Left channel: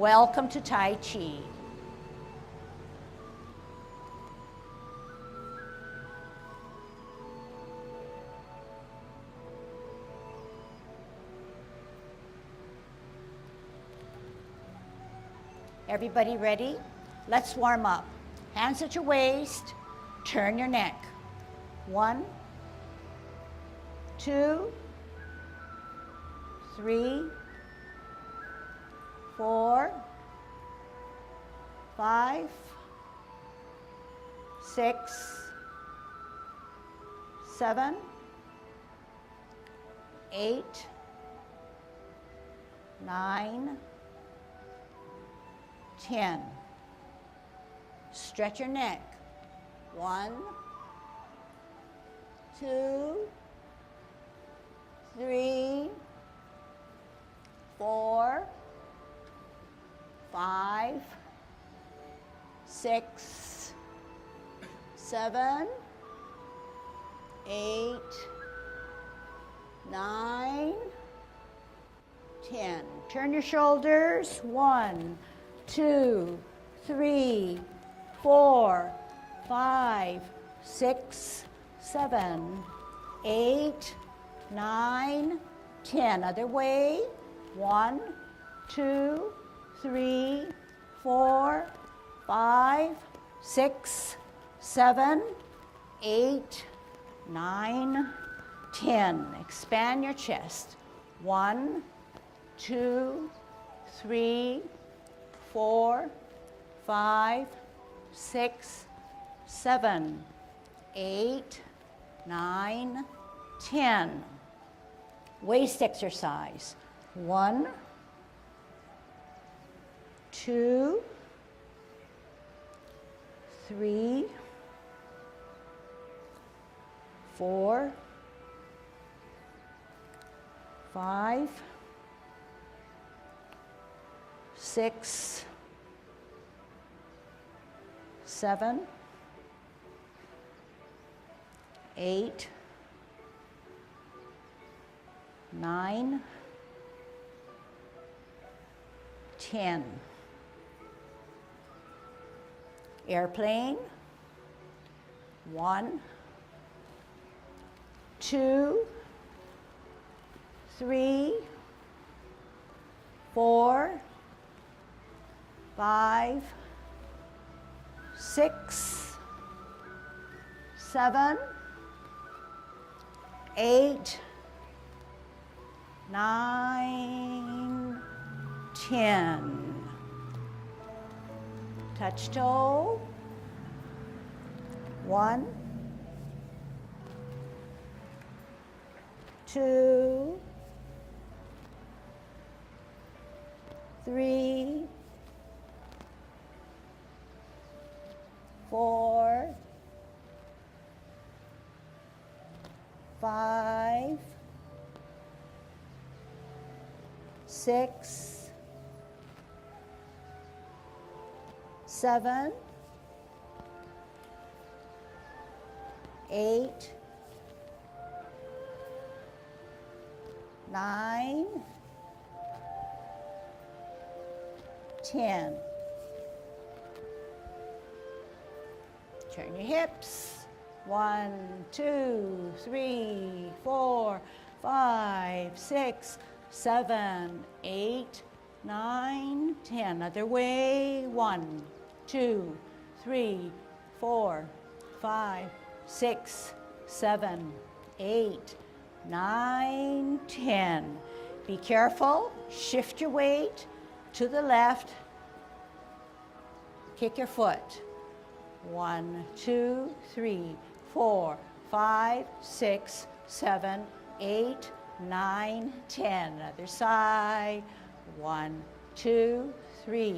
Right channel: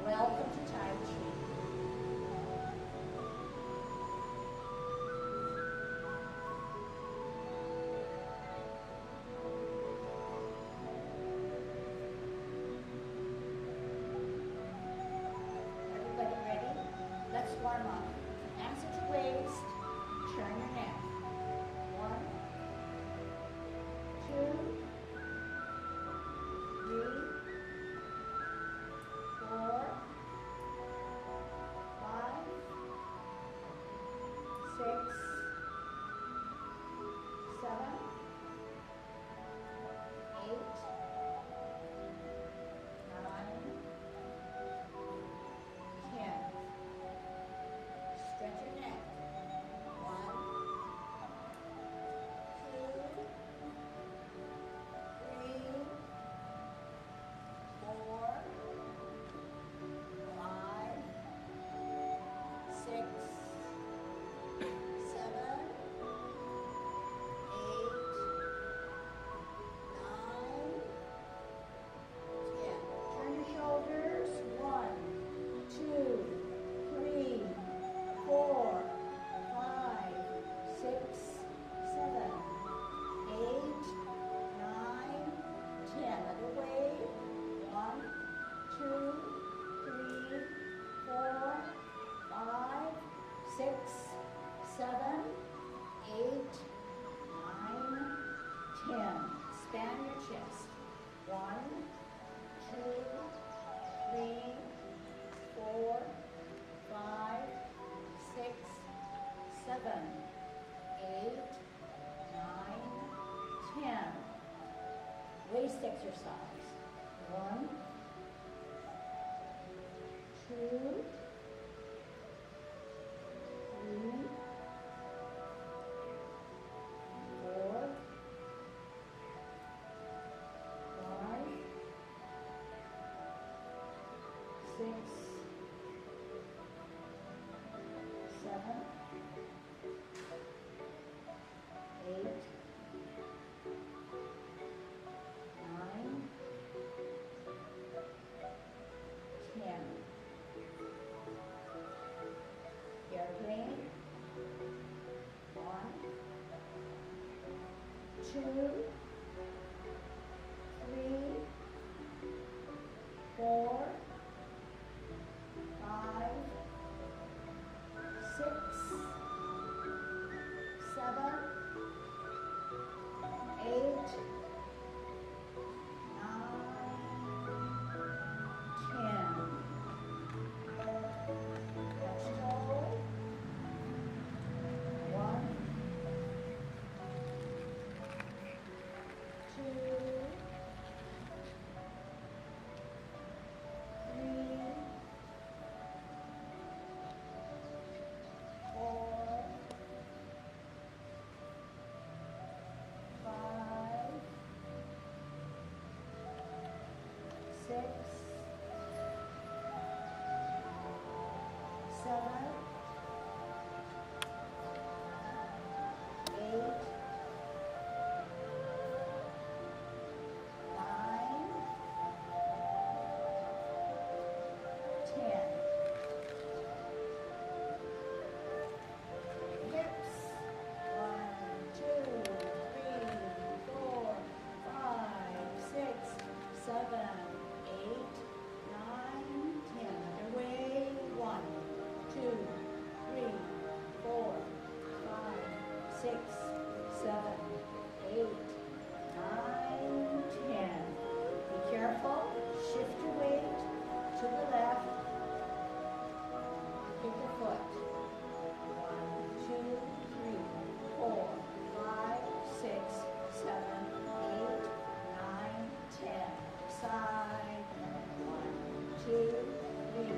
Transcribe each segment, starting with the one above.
Welcome to Tai Chi. Everybody ready? Let's warm up. Hands at your waist, turn your neck. 1, 2, 3, 4, 5, 6, 7, 8, 9, 10. Stretch your neck. 1, 2, 3, 4, 5, 6, 7, 8, 9, 10. Turn your shoulders. 1, 2, 3, 4, 5, 6, 7, 8, 9, 10. Other way. 1, 2, 3, 4, 5, 6, 7, 8, 9, 10. Expand your chest. 1, 2, 3, 4, 5, 6, 7, 8, 9, 10. Waist exercise. 1, 2, 3, 4, 5, 6, 7, 8, 9, 10. Airplane. 1, 2, 3, 4, 5, 6, 7, 8, 9, 10. Touch toe. 1, 2, 3, 4, 5, 6, 7, 8, 9, 10. Turn your hips. 1, 2, 3, 4, 5, 6, 7, 8, 9, 10. Other way. 1, 2, 3, 4, 5, 6, 7, 8, 9, 10. Be careful. Shift your weight to the left. Kick your foot. 1, 2, 3, 4, 5, 6, 7, 8, 9, 10. Other side. 1, 2, 3,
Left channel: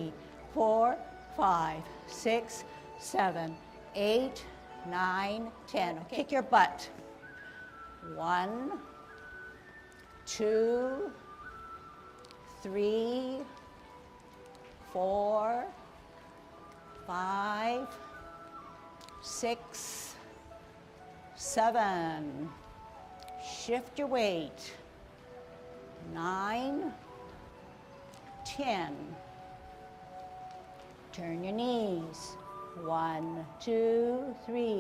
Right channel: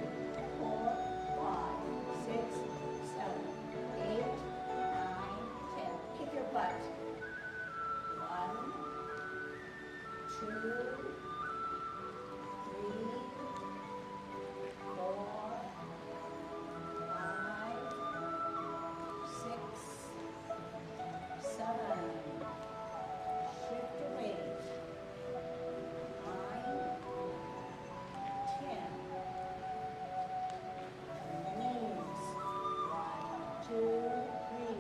4, 5, 6, 7, 8, 9, 10. Okay. Kick your butt. 1, 2, 3, 4, 5, 6, 7. Shift your weight. 9, 10. Turn your knees. 1, 2, 3,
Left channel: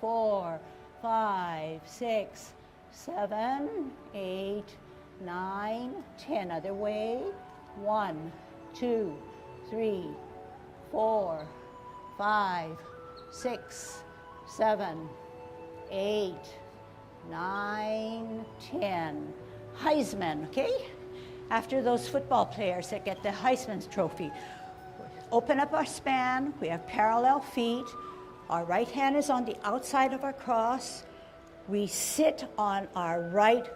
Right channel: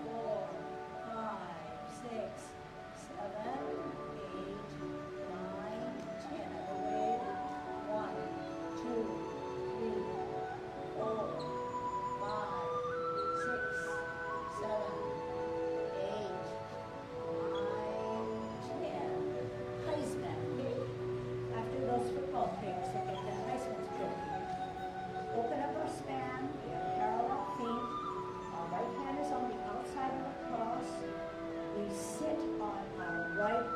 4, 5, 6, 7, 8, 9, 10. Other way. 1, 2, 3, 4, 5, 6, 7, 8, 9, 10. Heisman, okay? After those football players that get the Heisman Trophy. Open up our span. We have parallel feet. Our right hand is on the outside of our cross. We sit on our right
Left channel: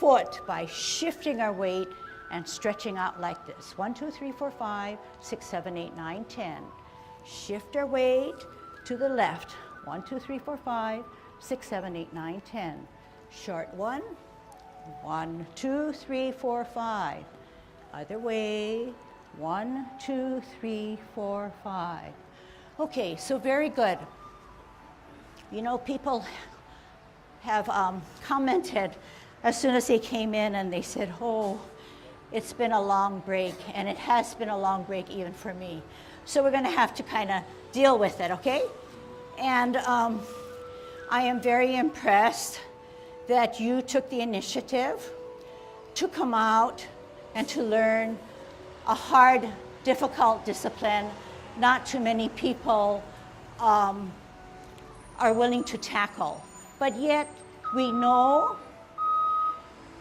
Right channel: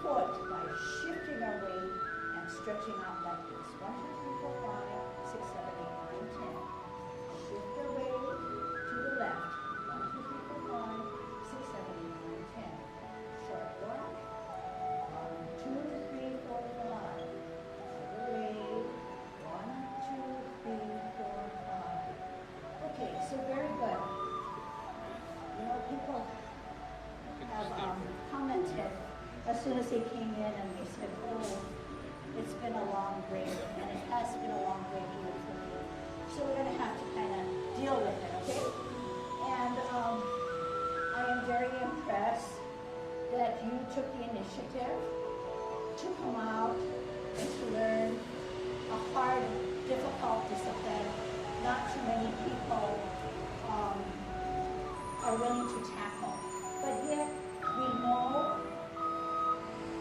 foot by shifting our weight and stretching out like this. 1, 2, 3, 4, 5, 6, 7, 8, 9, 10. Shift our weight to the left. 1, 2, 3, 4, 5, 6, 7, 8, 9, 10. Short one. 1, 2, 3, 4, 5. Other way. 1, 2, 3, 4, 5. Okay, so very good. You know, people have commented as soon as they came in and they said, oh, it's been a long break, and it has been a long break even for me. So we're going to have to kind of deal with it, okay? And I am very impressed that you took the initiative to come out and to learn a hard, difficult discipline not too many people are willing to tackle. But yet we know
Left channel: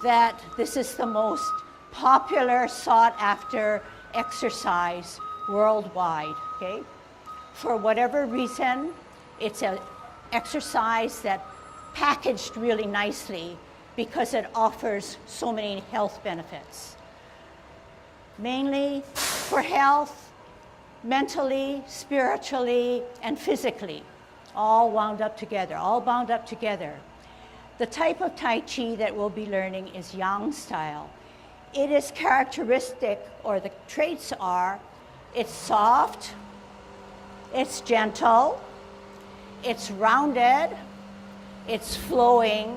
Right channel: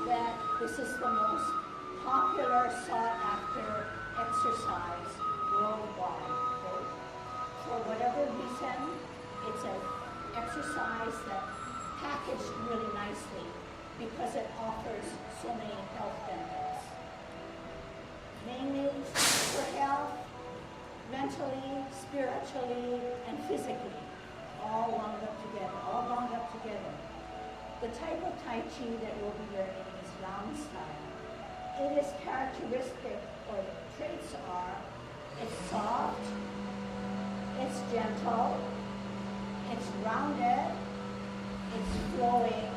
that this is the most popular, sought after exercise worldwide, okay? For whatever reason, it's an exercise that packaged really nicely because it offers so many health benefits. Mainly for health, mentally, spiritually, and physically, all wound up together, all bound up together. The type of Tai Chi that we'll be learning is Yang style. It is characteristic, or the traits are, it's soft, it's gentle, it's rounded, it's flowing,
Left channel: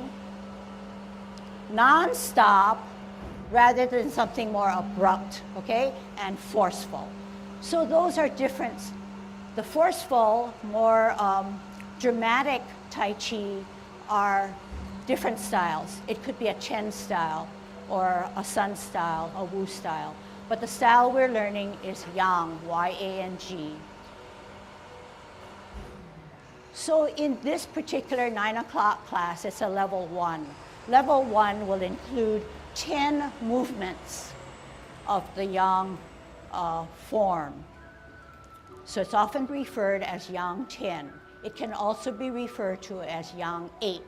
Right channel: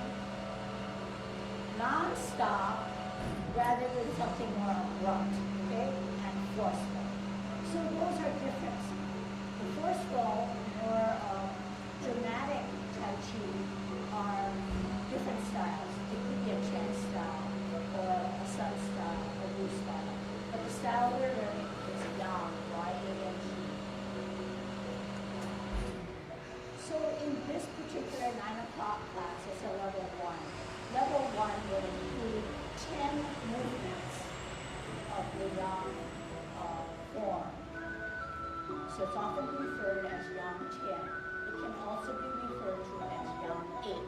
non-stop, rather than something more abrupt, okay, and forceful. So those are different. The forceful, more dramatic Tai Chi are different styles. It could be a Chen style, or a Sun style, a Wu style. But the style we're learning is Yang, Y-A-N-G. So in this particular 9 o'clock class, it's a level 1. Level 1 will include 10 movements of the Yang form. So it's often referred as Yang 10. It can also be referred to as Yang 8,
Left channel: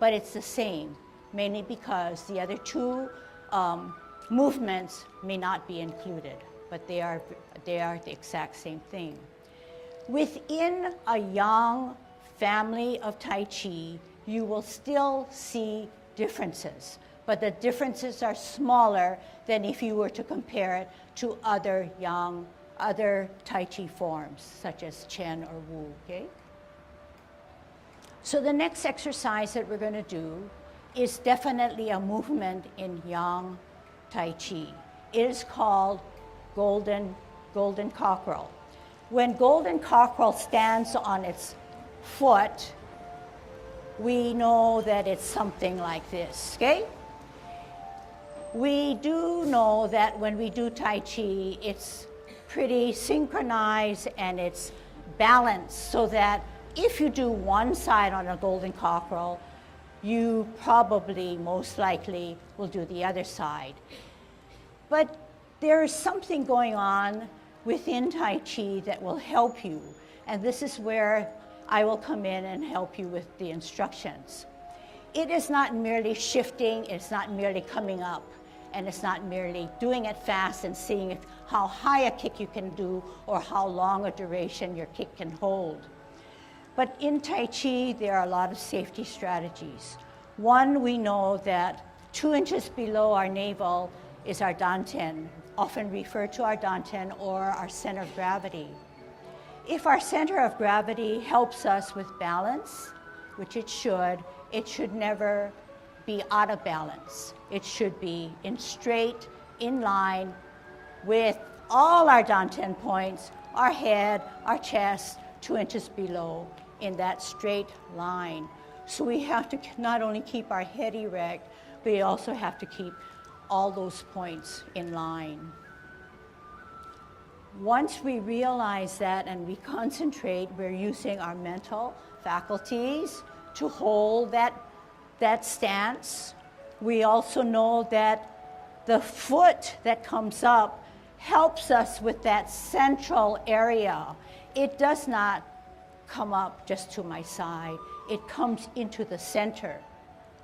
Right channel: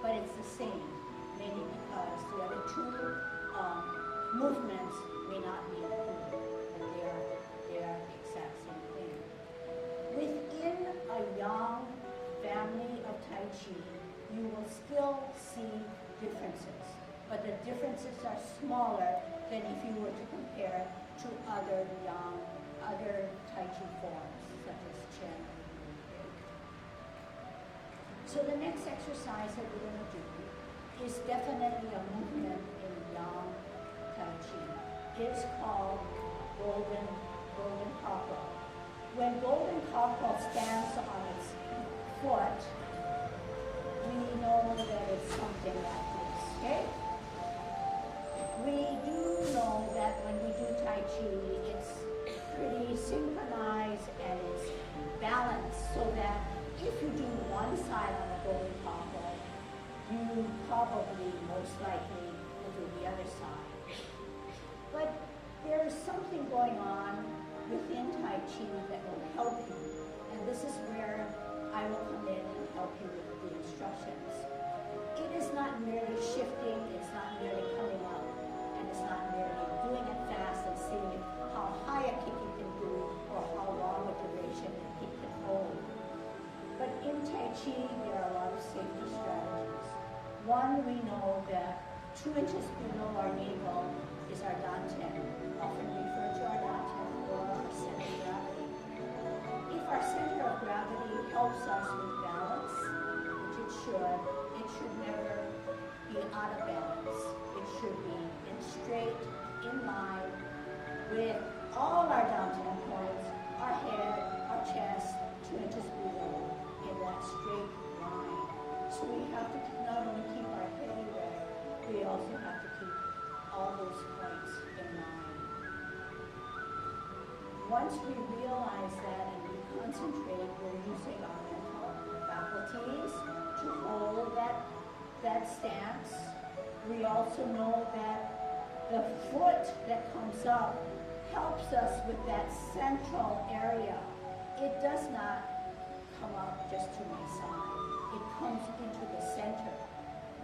but it's the same, mainly because the other two movements may not be included, but they are the exact same thing. Within a Yang family of Tai Chi, you will still see differences, but the differences are smaller than if you were to compare it to other Yang, other Tai Chi forms, such as Chen or Wu, okay? So the next exercise that we're going to do is definitely a movement in Yang Tai Chi. It is called golden cockerel. When golden cockerel stands on its foot, we know that it's something like this, okay? We do know that when we do Tai Chi, it's pretty synchronized and it's balanced, so that if you do one side on a golden cockerel, you probably, most likely, will do the other side. But there is something going on within Tai Chi that will help you, and this is where I will come in and help you with the instructions. It is not merely shifting, it's not merely coming up, and it's not merely doing it fast and seeing how high a kick you can do or how long a duration your kick can hold. But in Tai Chi, there are a lot of safety strategies. One, we know that 2 inches below our navel is our dantian, often referred to our dantian or our center of gravity. If our center of gravity helps us with balance, which it should never be out of balance. It should be in straight, in line with all our dantian points our head, our chest, 2 inches below in that straight line. So we have to not only keep our head erect, but we also have to keep all those points in line. Once we realize that and we concentrate, we're using our mental faculties to hold that stance. We also know that the foot that comes up helps us with that central area. It does not come up just to my side. It comes into the center,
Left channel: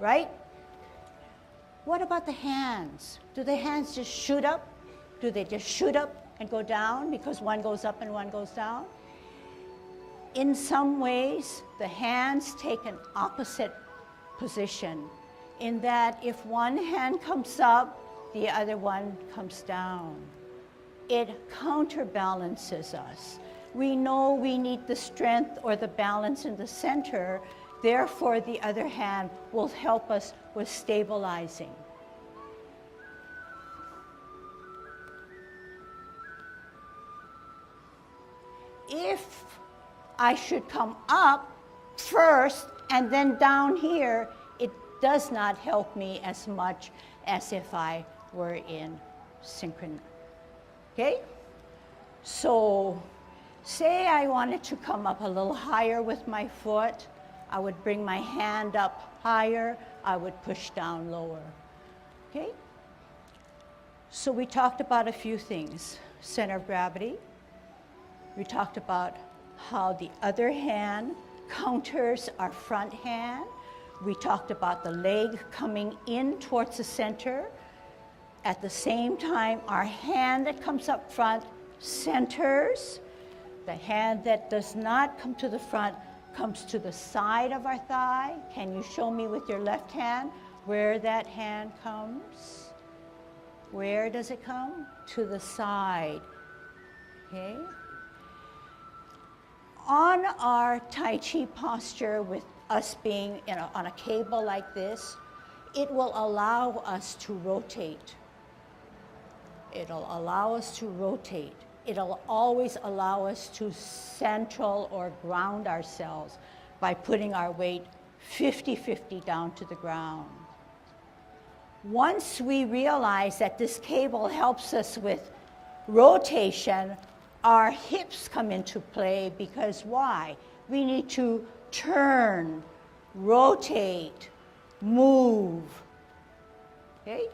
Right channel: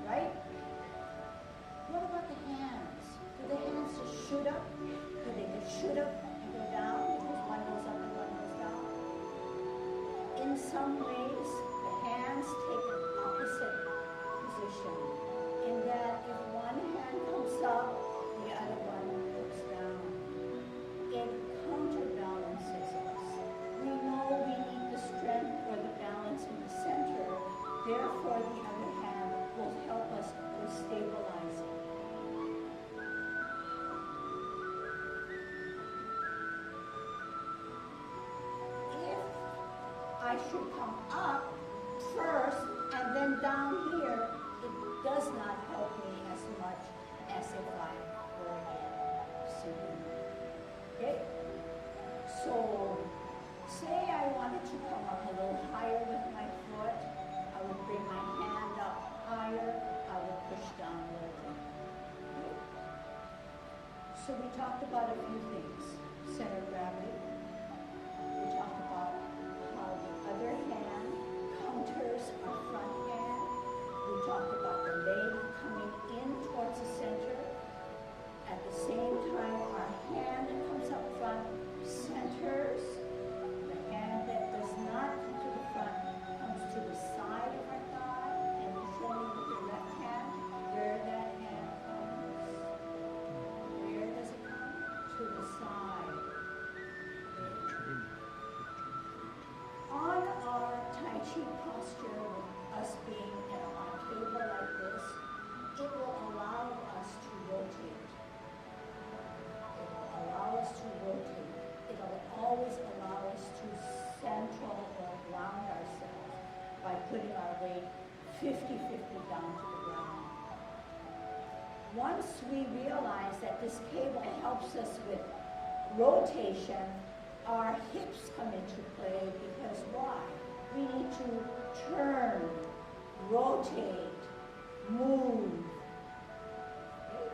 right? What about the hands? Do the hands just shoot up? Do they just shoot up and go down because one goes up and one goes down? In some ways, the hands take an opposite position in that if one hand comes up, the other one comes down. It counterbalances us. We know we need the strength or the balance in the center, therefore the other hand will help us with stabilizing. If I should come up first and then down here, it does not help me as much as if I were in synchrony. Okay? So, say I wanted to come up a little higher with my foot, I would bring my hand up higher, I would push down lower. Okay? So we talked about a few things. Center of gravity. We talked about how the other hand counters our front hand. We talked about the leg coming in towards the center. At the same time, our hand that comes up front centers. The hand that does not come to the front comes to the side of our thigh. Can you show me with your left hand where that hand comes? Where does it come? To the side. Okay? On our Tai Chi posture, with us being on a cable like this, it will allow us to rotate. It'll allow us to rotate. It'll always allow us to central or ground ourselves by putting our weight 50-50 down to the ground. Once we realize that this cable helps us with rotation, our hips come into play because why? We need to turn, rotate, move. Okay?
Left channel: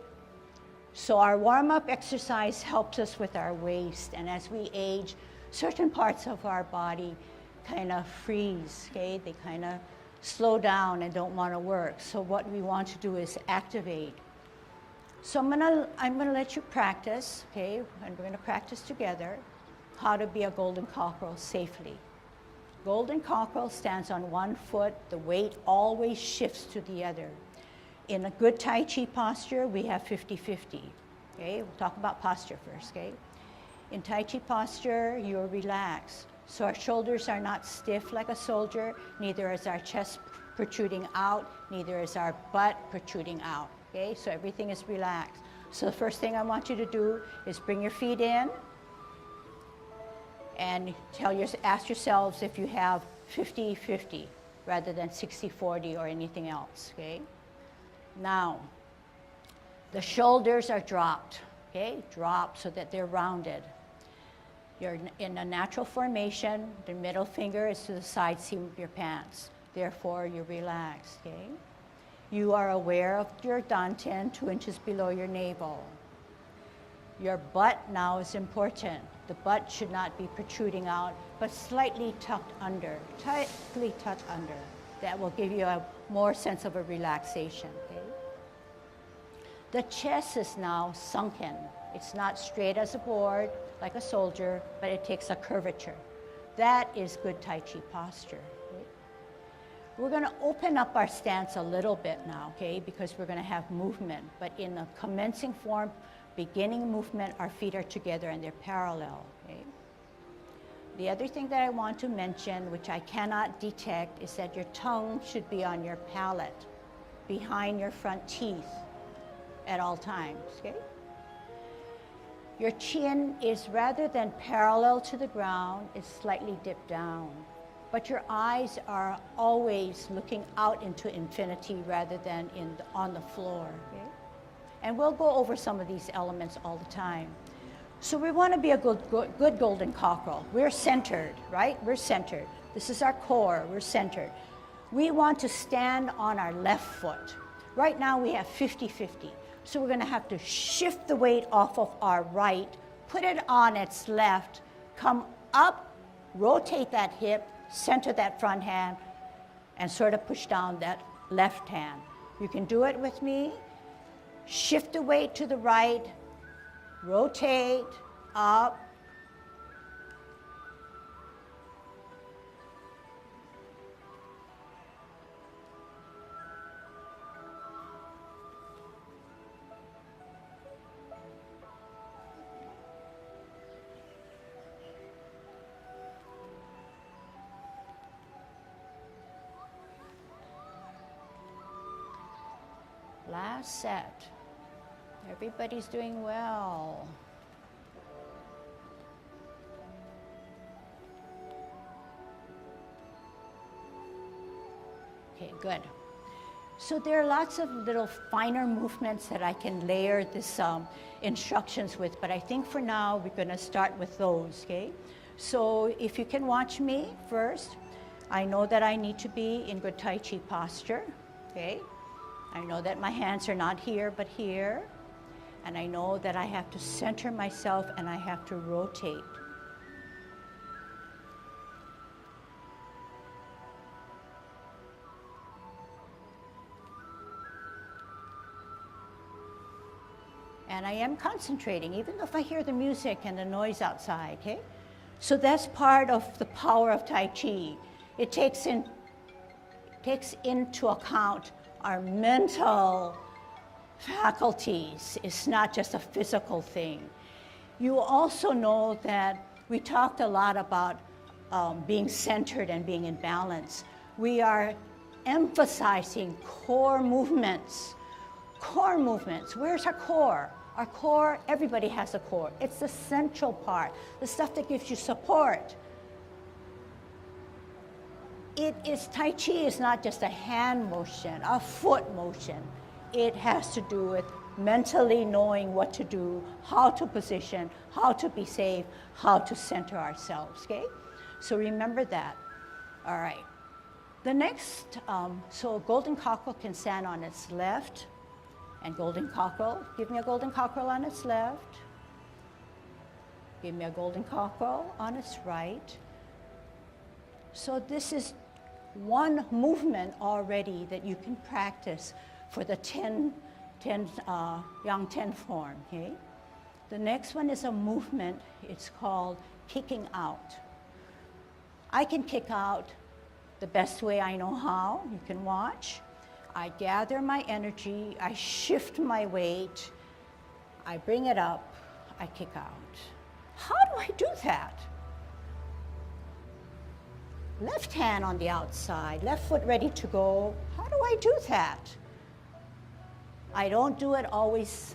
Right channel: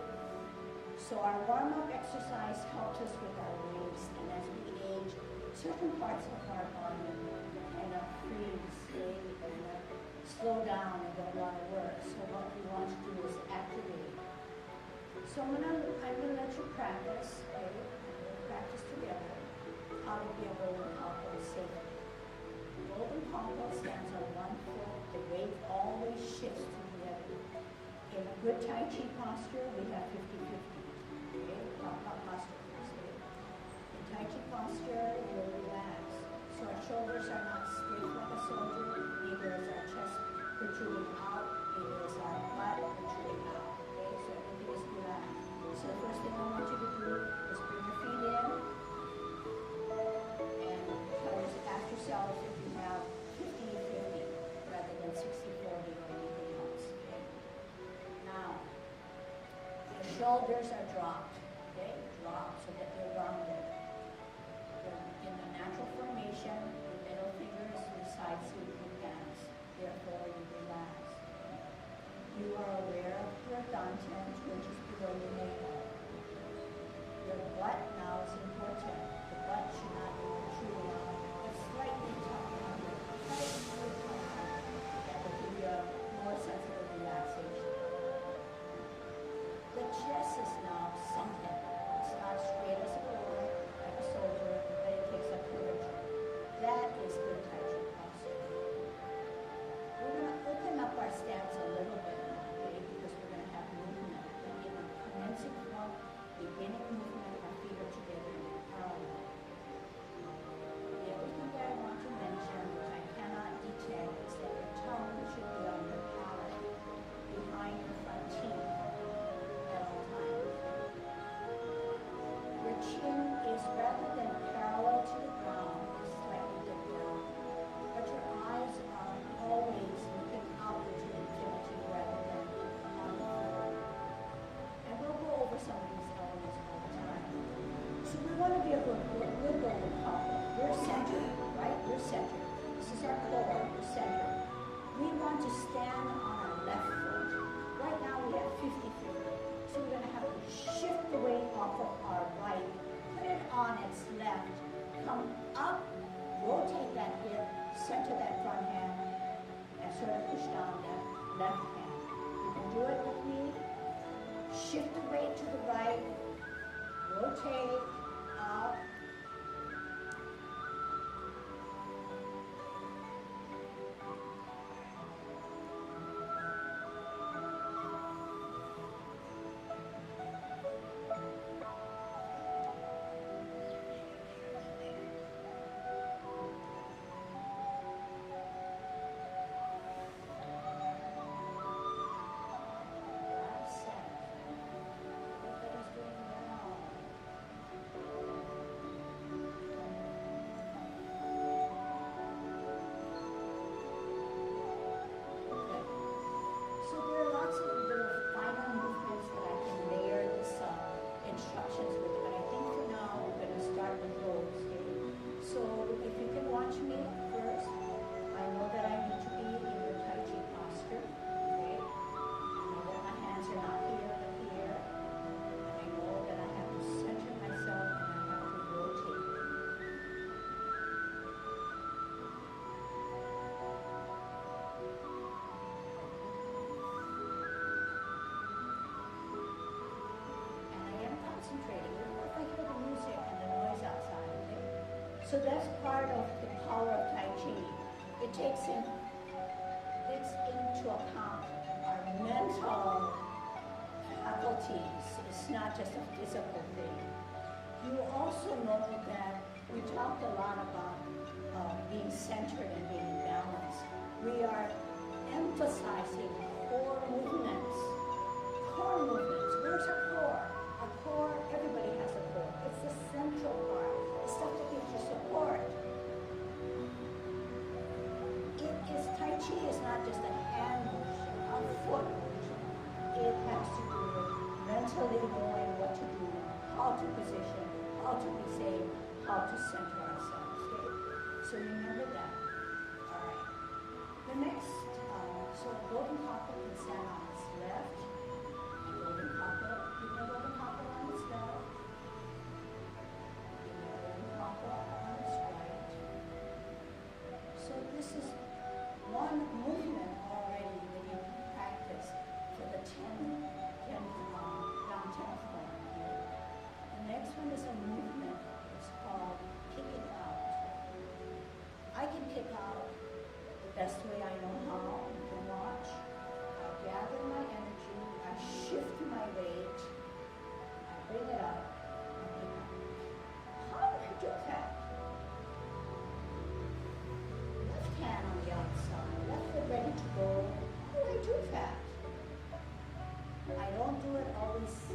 So our warm-up exercise helps us with our waist, and as we age, certain parts of our body kind of freeze, okay? They kind of slow down and don't want to work. So what we want to do is activate. So I'm gonna let you practice, okay? And we're gonna practice together how to be a golden cockerel safely. Golden cockerel stands on one foot. The weight always shifts to the other. In a good Tai Chi posture, we have 50-50, okay? We'll talk about posture first, okay? In Tai Chi posture, you're relaxed. So our shoulders are not stiff like a soldier, neither is our chest protruding out, neither is our butt protruding out, okay? So everything is relaxed. So the first thing I want you to do is bring your feet in and ask yourselves if you have 50-50 rather than 60-40 or anything else, okay? Now, the shoulders are dropped, okay? Dropped so that they're rounded. You're in a natural formation. The middle finger is to the side seam of your pants. Therefore, you're relaxed, okay? You are aware of your dantian 2 inches below your navel. Your butt now is important. The butt should not be protruding out, but slightly tucked under, tightly tucked under. That will give you a more sense of a relaxation. The chest is now sunken. It's not straight as a board like a soldier, but it takes a curvature. That is good Tai Chi posture. We're going to open up our stance a little bit now, okay, because we're going to have movement. But in a commencing form, beginning movement, our feet are together and they're parallel. Okay? The other thing that I want to mention, which I cannot detect, is that your tongue should be on your palate, behind your front teeth at all times. Okay? Your chin is, rather than parallel to the ground, it's slightly dipped down. But your eyes are always looking out into infinity rather than on the floor. Okay? And we'll go over some of these elements all the time. So we want to be a good golden cockerel. We're centered, right? We're centered. This is our core. We're centered. We want to stand on our left foot. Right now we have 50-50. So we're going to have to shift the weight off of our right, put it on its left, come up, rotate that hip, center that front hand, and sort of push down that left hand. You can do it with me. Shift the weight to the right, rotate, up. Last set. Everybody's doing well. Okay, good. So there are lots of little finer movements that I can layer this instructions with, but I think for now we're going to start with those, okay? So if you can watch me first, I know that I need to be in good Tai Chi posture, okay? I know that my hands are not here, but here. And I know that I have to center myself and I have to rotate. And I am concentrating, even if I hear the music and the noise outside, okay? So that's part of the power of Tai Chi. It takes into account our mental faculties. It's not just a physical thing. You also know that we talked a lot about being centered and being in balance. We are emphasizing core movements. Core movements. Where's our core? Our core, everybody has a core. It's the central part, the stuff that gives you support. Tai Chi is not just a hand motion, a foot motion. It has to do with mentally knowing what to do, how to position, how to be safe, how to center ourselves, okay? So remember that. All right. The next, so golden cockerel can stand on its left, and golden cockerel, give me a golden cockerel on its left. Give me a golden cockerel on its right. So this is one movement already that you can practice for the Yang 10 form, okay? The next one is a movement, it's called kicking out. I can kick out the best way I know how, you can watch. I gather my energy, I shift my weight, I bring it up, I kick out. How do I do that? Left hand on the outside, left foot ready to go. How do I do that? I don't do it always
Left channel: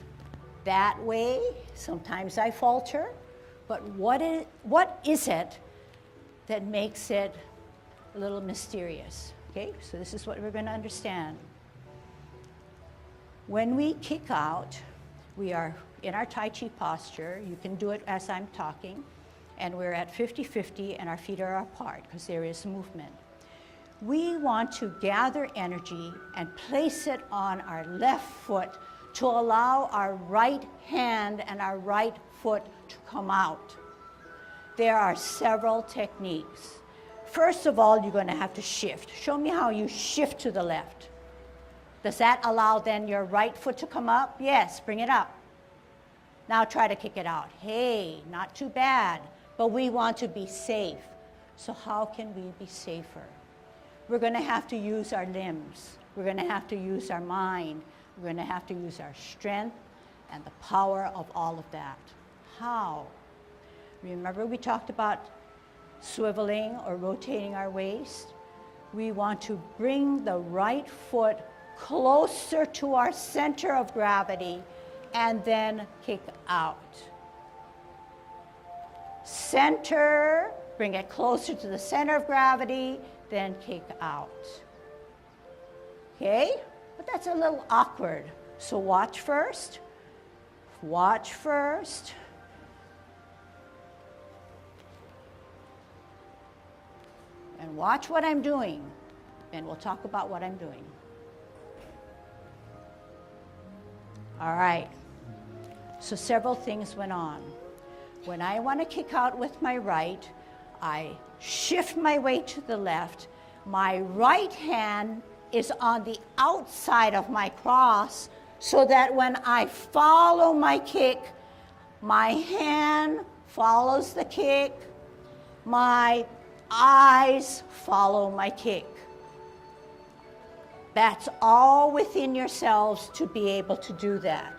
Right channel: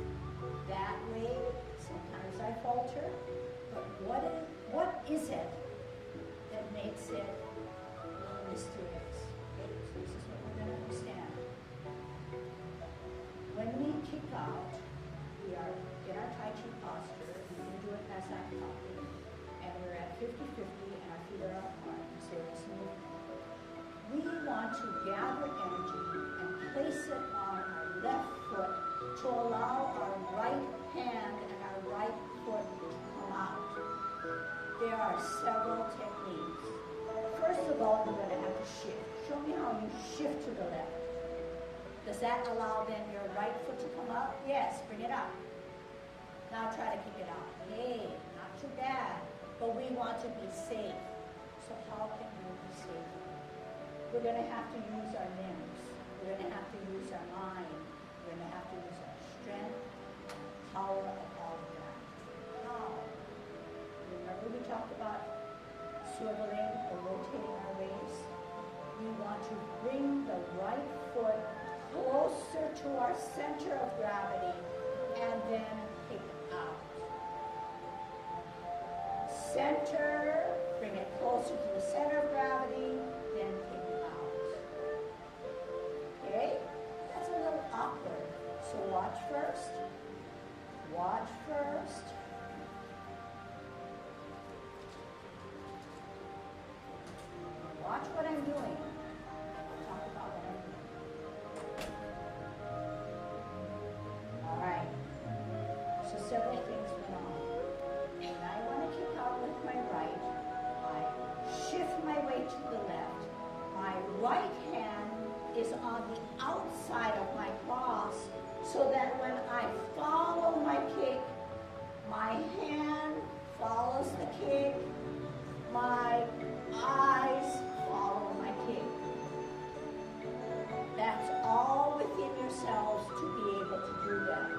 that way. Sometimes I falter. But what is it that makes it a little mysterious? Okay, so this is what we're going to understand. When we kick out, we are in our Tai Chi posture. You can do it as I'm talking. And we're at 50-50 and our feet are apart because there is movement. We want to gather energy and place it on our left foot to allow our right hand and our right foot to come out. There are several techniques. First of all, you're going to have to shift. Show me how you shift to the left. Does that allow then your right foot to come up? Yes, bring it up. Now try to kick it out. Hey, not too bad. But we want to be safe. So how can we be safer? We're going to have to use our limbs. We're going to have to use our mind. We're going to have to use our strength and the power of all of that. How? Remember we talked about swiveling or rotating our waist? We want to bring the right foot closer to our center of gravity and then kick out. center, bring it closer to the center of gravity, then kick out. Okay? But that's a little awkward. So watch first. Watch first. And watch what I'm doing. Then we'll talk about what I'm doing. All right. So several things went on. When I want to kick out with my right, I shift my weight to the left. My right hand is on the outside of my cross so that when I follow my kick, my hand follows the kick, my eyes follow my kick. That's all within yourselves to be able to do that.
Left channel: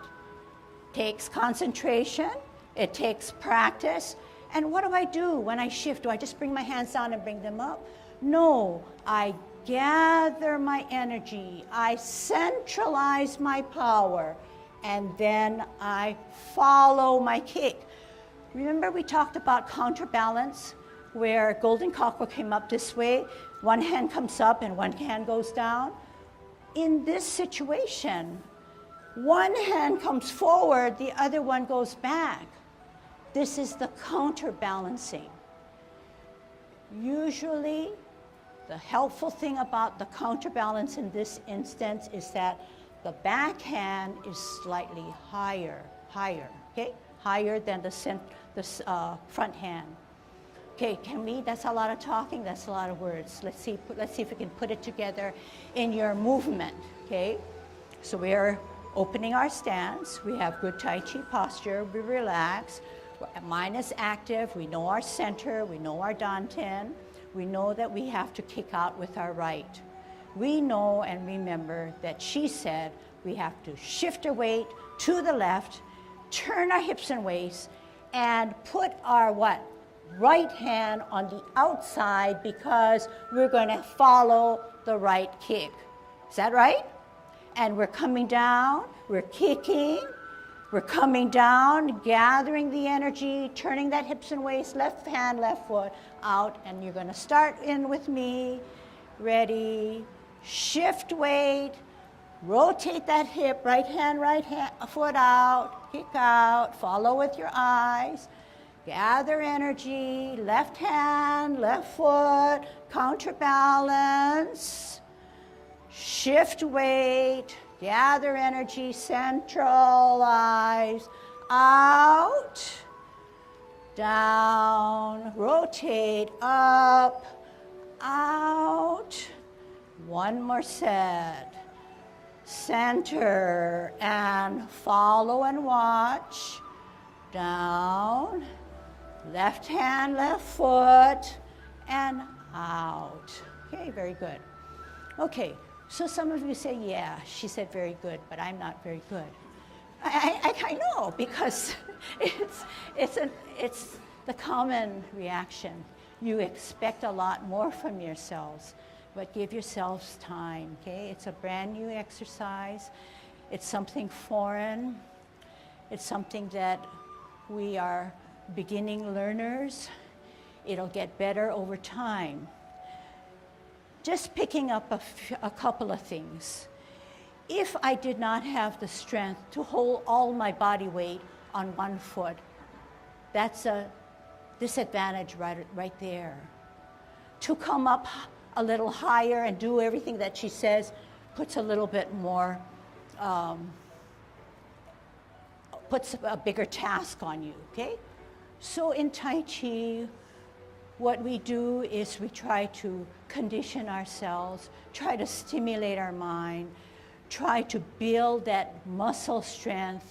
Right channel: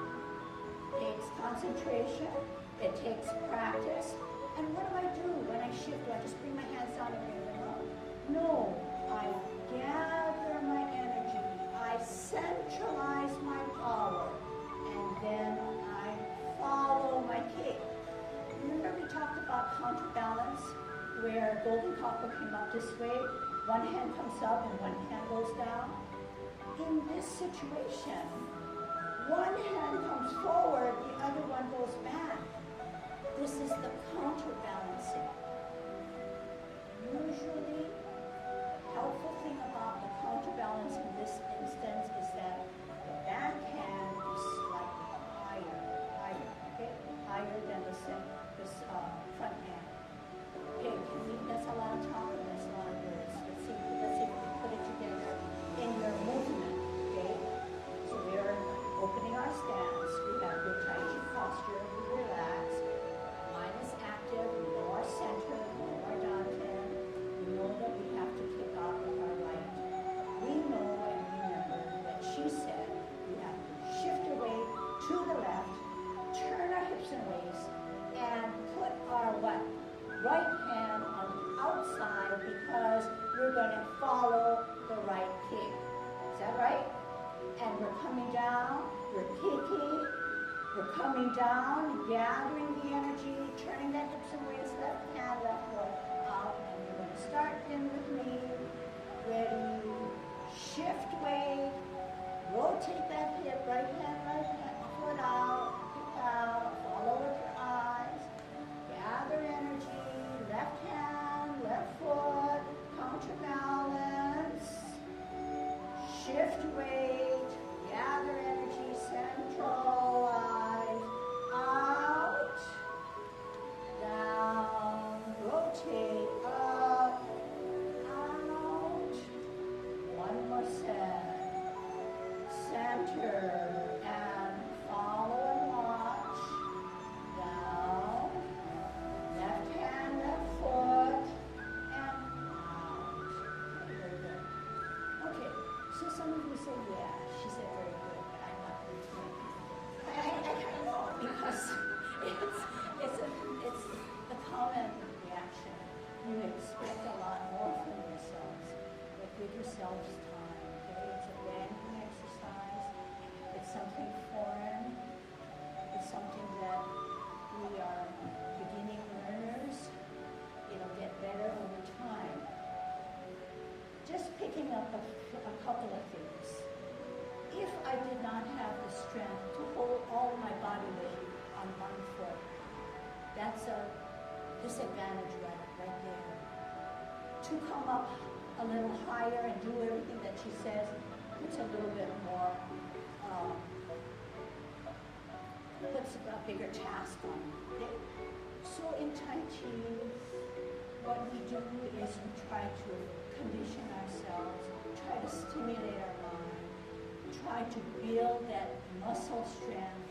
It takes concentration, it takes practice. And what do I do when I shift? Do I just bring my hands down and bring them up? No, I gather my energy, I centralize my power, and then I follow my kick. Remember we talked about counterbalance, where golden cockerel came up this way, one hand comes up and one hand goes down? In this situation, one hand comes forward, the other one goes back. This is the counterbalancing. Usually, the helpful thing about the counterbalance in this instance is that the back hand is slightly higher, okay? Higher than the front hand. Okay, that's a lot of talking, that's a lot of words. Let's see if we can put it together in your movement, okay? So we're opening our stance, we have good Tai Chi posture, we relax. Mind is active, we know our center, we know our dantian, we know that we have to kick out with our right. We know and remember that she said we have to shift our weight to the left, turn our hips and waist, and put our what? Right hand on the outside because we're going to follow the right kick. Is that right? And we're coming down, we're kicking, we're coming down, gathering the energy, turning that hips and waist, left hand, left foot out, and you're going to start in with me. Ready, shift weight, rotate that hip, right hand, foot out, kick out, follow with your eyes, gather energy, left hand, left foot, counterbalance, shift weight, gather energy, centralize, out, down, rotate, up, out. One more set. Center and follow and watch. Down, left hand, left foot, and out. Okay, very good. Okay. So some of you say, yeah, she said very good, but I'm not very good. I know, because it's the common reaction. You expect a lot more from yourselves, but give yourselves time, okay? It's a brand new exercise. It's something foreign. It's something that we are beginning learners. It'll get better over time. Just picking up a couple of things. If I did not have the strength to hold all my body weight on one foot, that's a disadvantage right there. To come up a little higher and do everything that she says puts a little bit more, puts a bigger task on you, okay? So in Tai Chi, what we do is we try to condition ourselves, try to stimulate our mind, try to build that muscle strength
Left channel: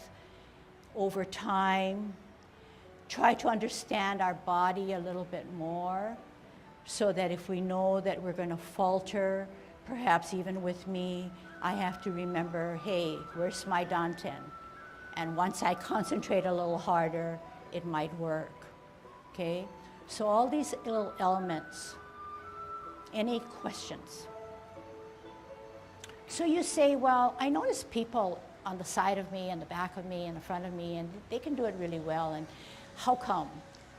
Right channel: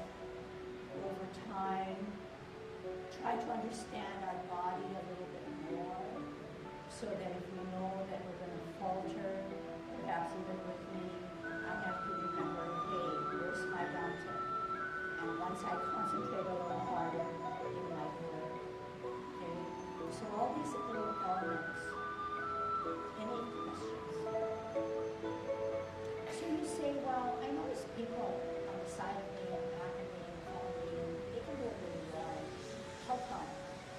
over time, try to understand our body a little bit more so that if we know that we're going to falter, perhaps even with me, I have to remember, hey, where's my dantian? And once I concentrate a little harder, it might work, okay? So all these little elements. Any questions? So you say, well, I notice people on the side of me and the back of me and the front of me, and they can do it really well, and how come?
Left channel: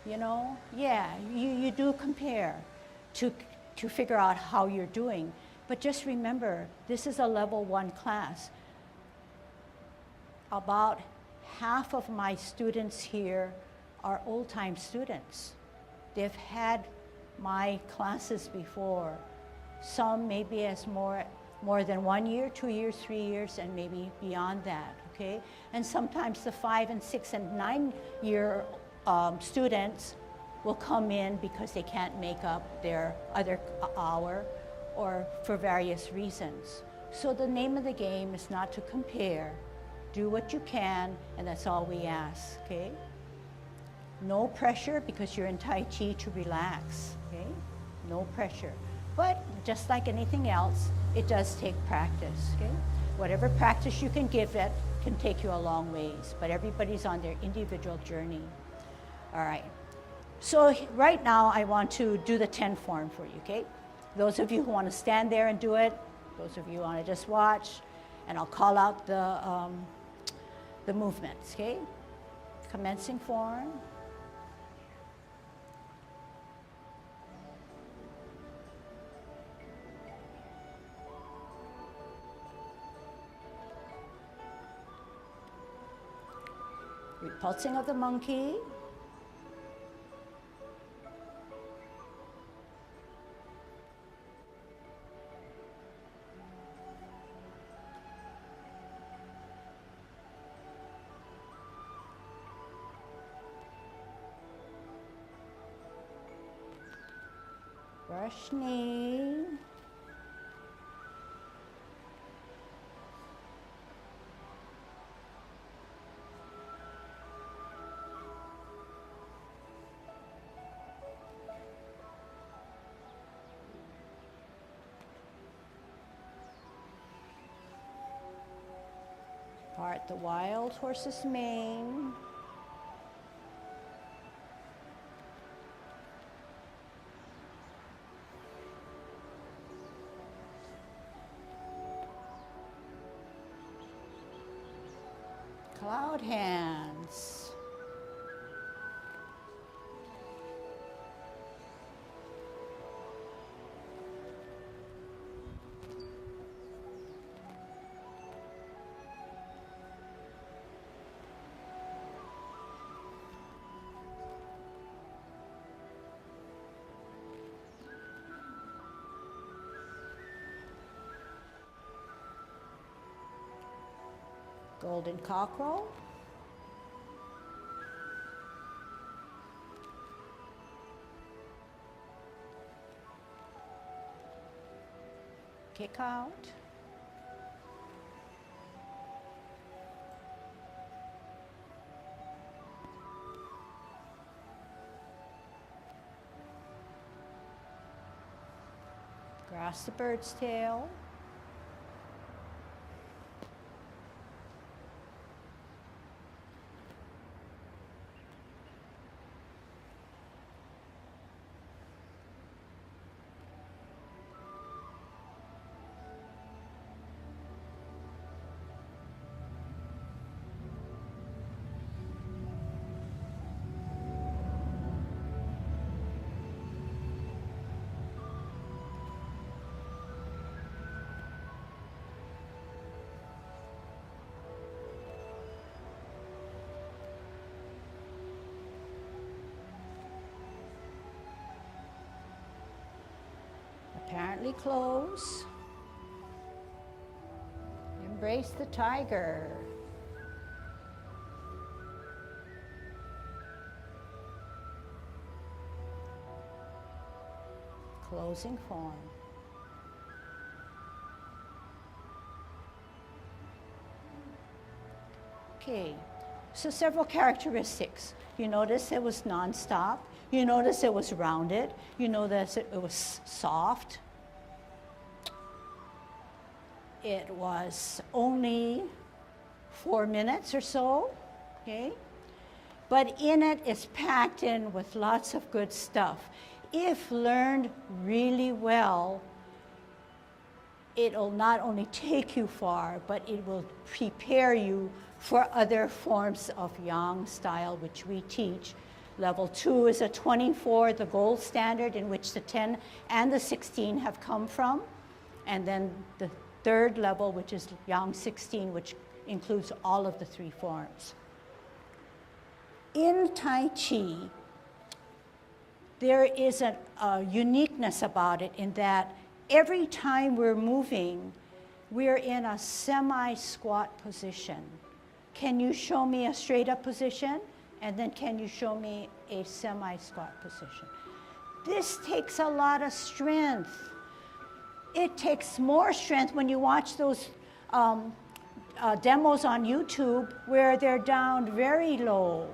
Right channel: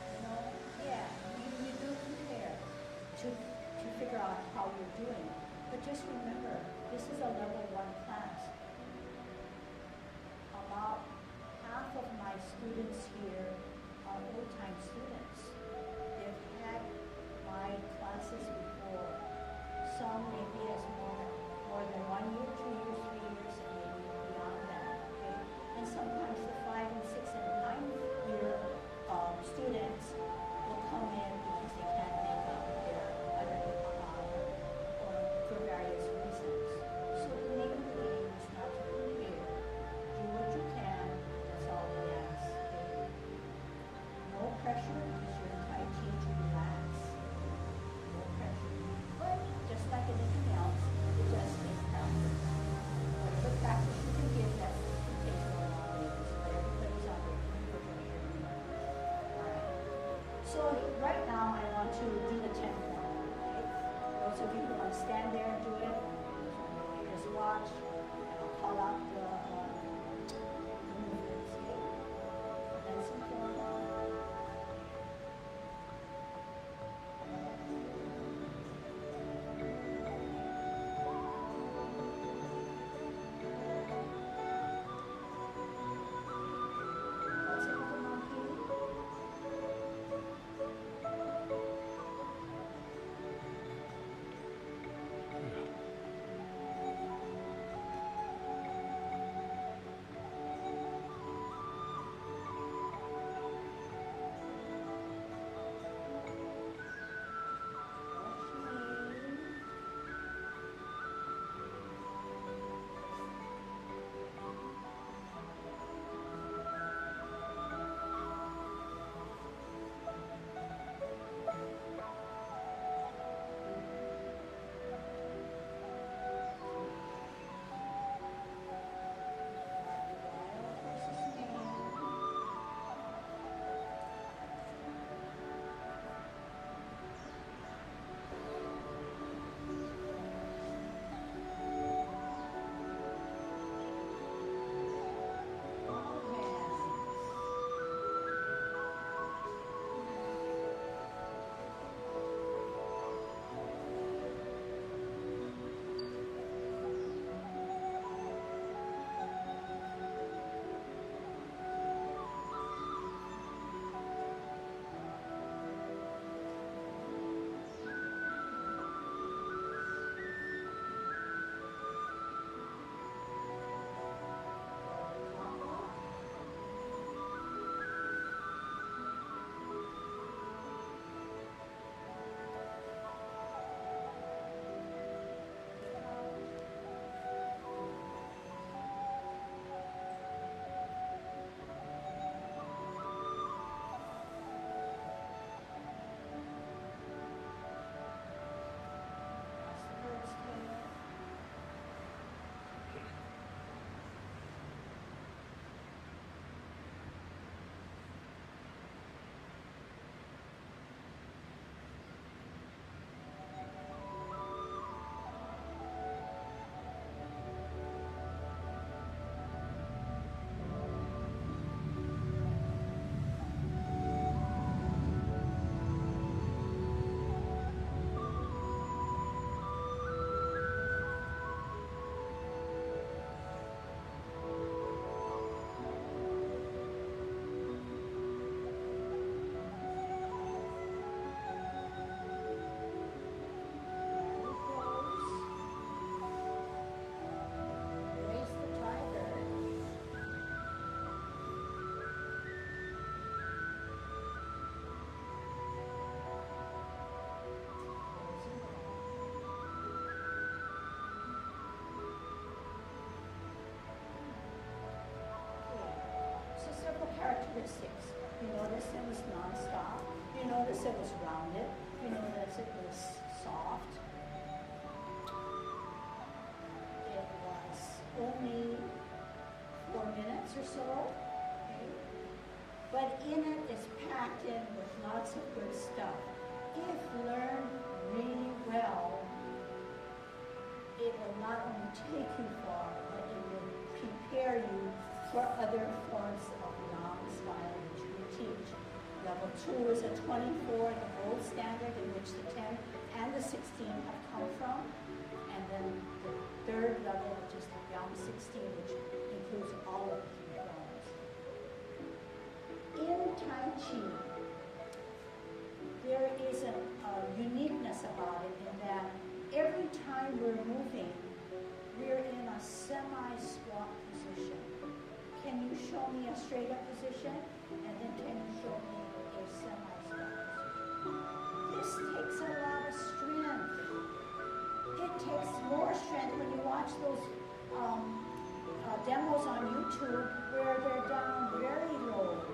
You know, yeah, you do compare to, to figure out how you're doing. But just remember, this is a level 1 class. About half of my students here are old-time students. They've had my classes before. Some maybe as more than 1 year, 2 years, 3 years, and maybe beyond that, okay? And sometimes the 5 and 6 and 9 year students will come in because they can't make up their other hour or for various reasons. So the name of the game is not to compare. Do what you can, and that's all we ask, okay? No pressure, because you're in Tai Chi, to relax, okay? No pressure. But just like anything else, it does take practice, okay? Whatever practice you can give it can take you a long ways, but everybody's on their individual journey. All right. So right now, I want to do the 10 form for you, okay? Those of you who want to stand there and do it, those of you who want to just watch, and I'll call out the movements, okay? Commencing form. Pulsing of the monkey. Brush knee. Part the wild horse's mane. Cloud hands. Golden cockerel. Kick out. Grasp the bird's tail. Apparently close. Embrace the tiger. Closing form. Okay, so several characteristics. You notice it was nonstop. You notice it was rounded. You notice it was soft. It was only 4 minutes or so, okay? But in it is packed in with lots of good stuff. If learned really well, it'll not only take you far, but it will prepare you for other forms of yang style which we teach, Level 2 is a 24, the gold standard in which the 10 and the 16 have come from. And then the third level, which is Yang 16, which includes all of the 3 forms. In Tai Chi, there is a uniqueness about it in that every time we're moving, we're in a semi-squat position. Can you show me a straight up position? And then can you show me a semi-squat position? This takes a lot of strength. It takes more strength when you watch those demos on YouTube where they're down very low.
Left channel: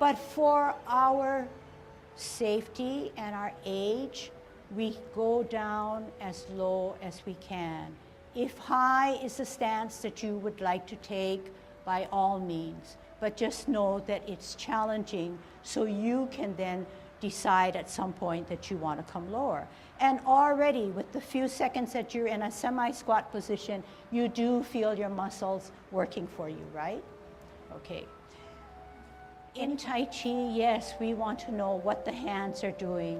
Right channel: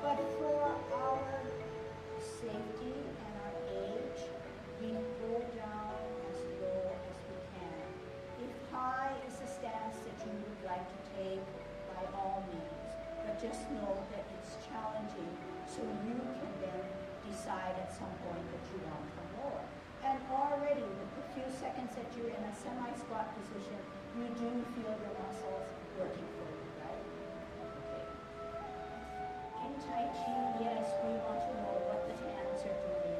But for our safety and our age, we go down as low as we can. If high is the stance that you would like to take, by all means, but just know that it's challenging, so you can then decide at some point that you want to come lower. And already with the few seconds that you're in a semi-squat position, you do feel your muscles working for you, right? Okay. In Tai Chi, yes, we want to know what the hands are doing,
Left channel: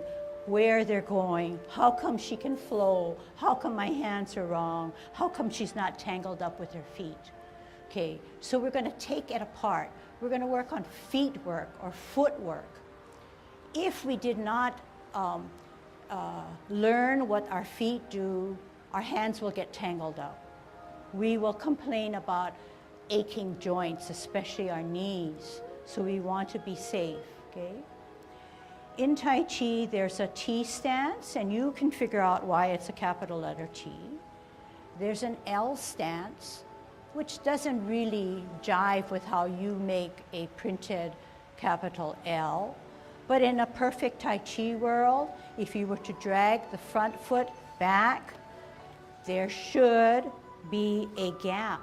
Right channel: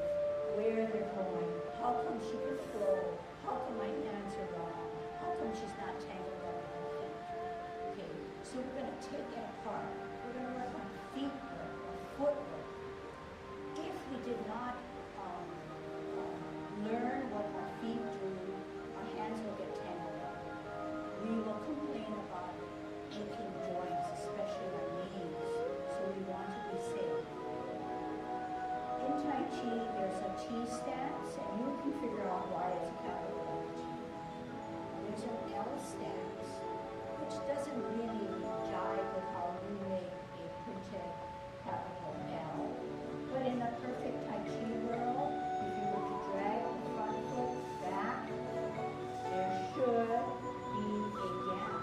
where they're going, how come she can flow, how come my hands are wrong, how come she's not tangled up with her feet. Okay, so we're going to take it apart. We're going to work on feet work or footwork. If we did not learn what our feet do, our hands will get tangled up. We will complain about aching joints, especially our knees. So we want to be safe, okay? In Tai Chi, there's a T stance, and you can figure out why it's a capital letter T. There's an L stance, which doesn't really jive with how you make a printed capital L. But in a perfect Tai Chi world, if you were to drag the front foot back, there should be a gap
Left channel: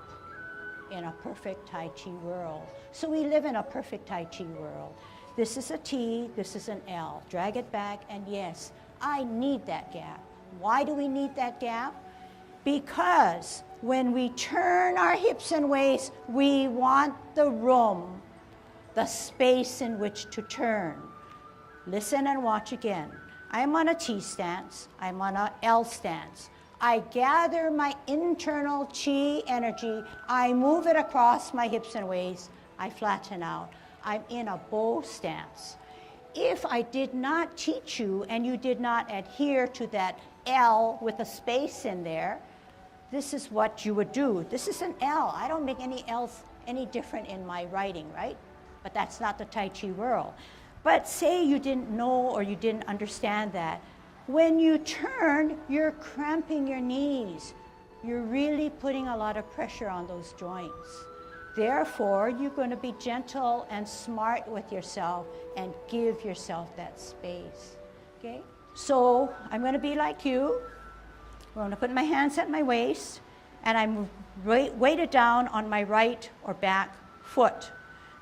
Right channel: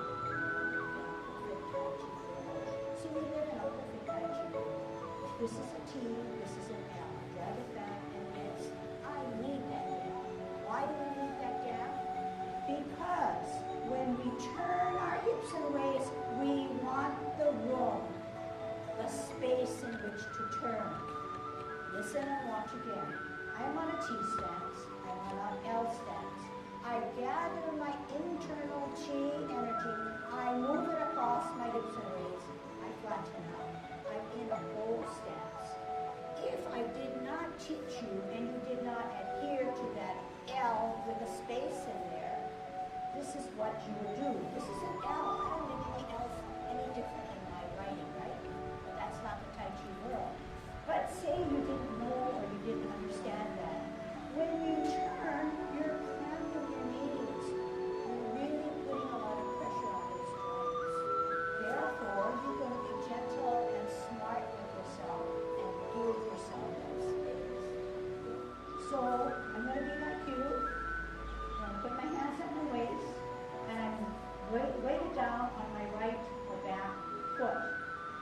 in a perfect Tai Chi world. So we live in a perfect Tai Chi world. This is a T, this is an L. Drag it back, and yes, I need that gap. Why do we need that gap? Because when we turn our hips and waist, we want the room, the space in which to turn. Listen and watch again. I'm on a T stance, I'm on a L stance. I gather my internal chi energy, I move it across my hips and waist, I flatten out. I'm in a bow stance. If I did not teach you and you did not adhere to that L with a space in there, this is what you would do. This is an L. I don't make any L's any different in my writing, right? But that's not the Tai Chi world. But say you didn't know or you didn't understand that. When you turn, you're cramping your knees. You're really putting a lot of pressure on those joints. Therefore, you're going to be gentle and smart with yourself and give yourself that space, okay? So I'm going to be like you. I'm going to put my hands at my waist, and I'm weighted down on my right or back foot.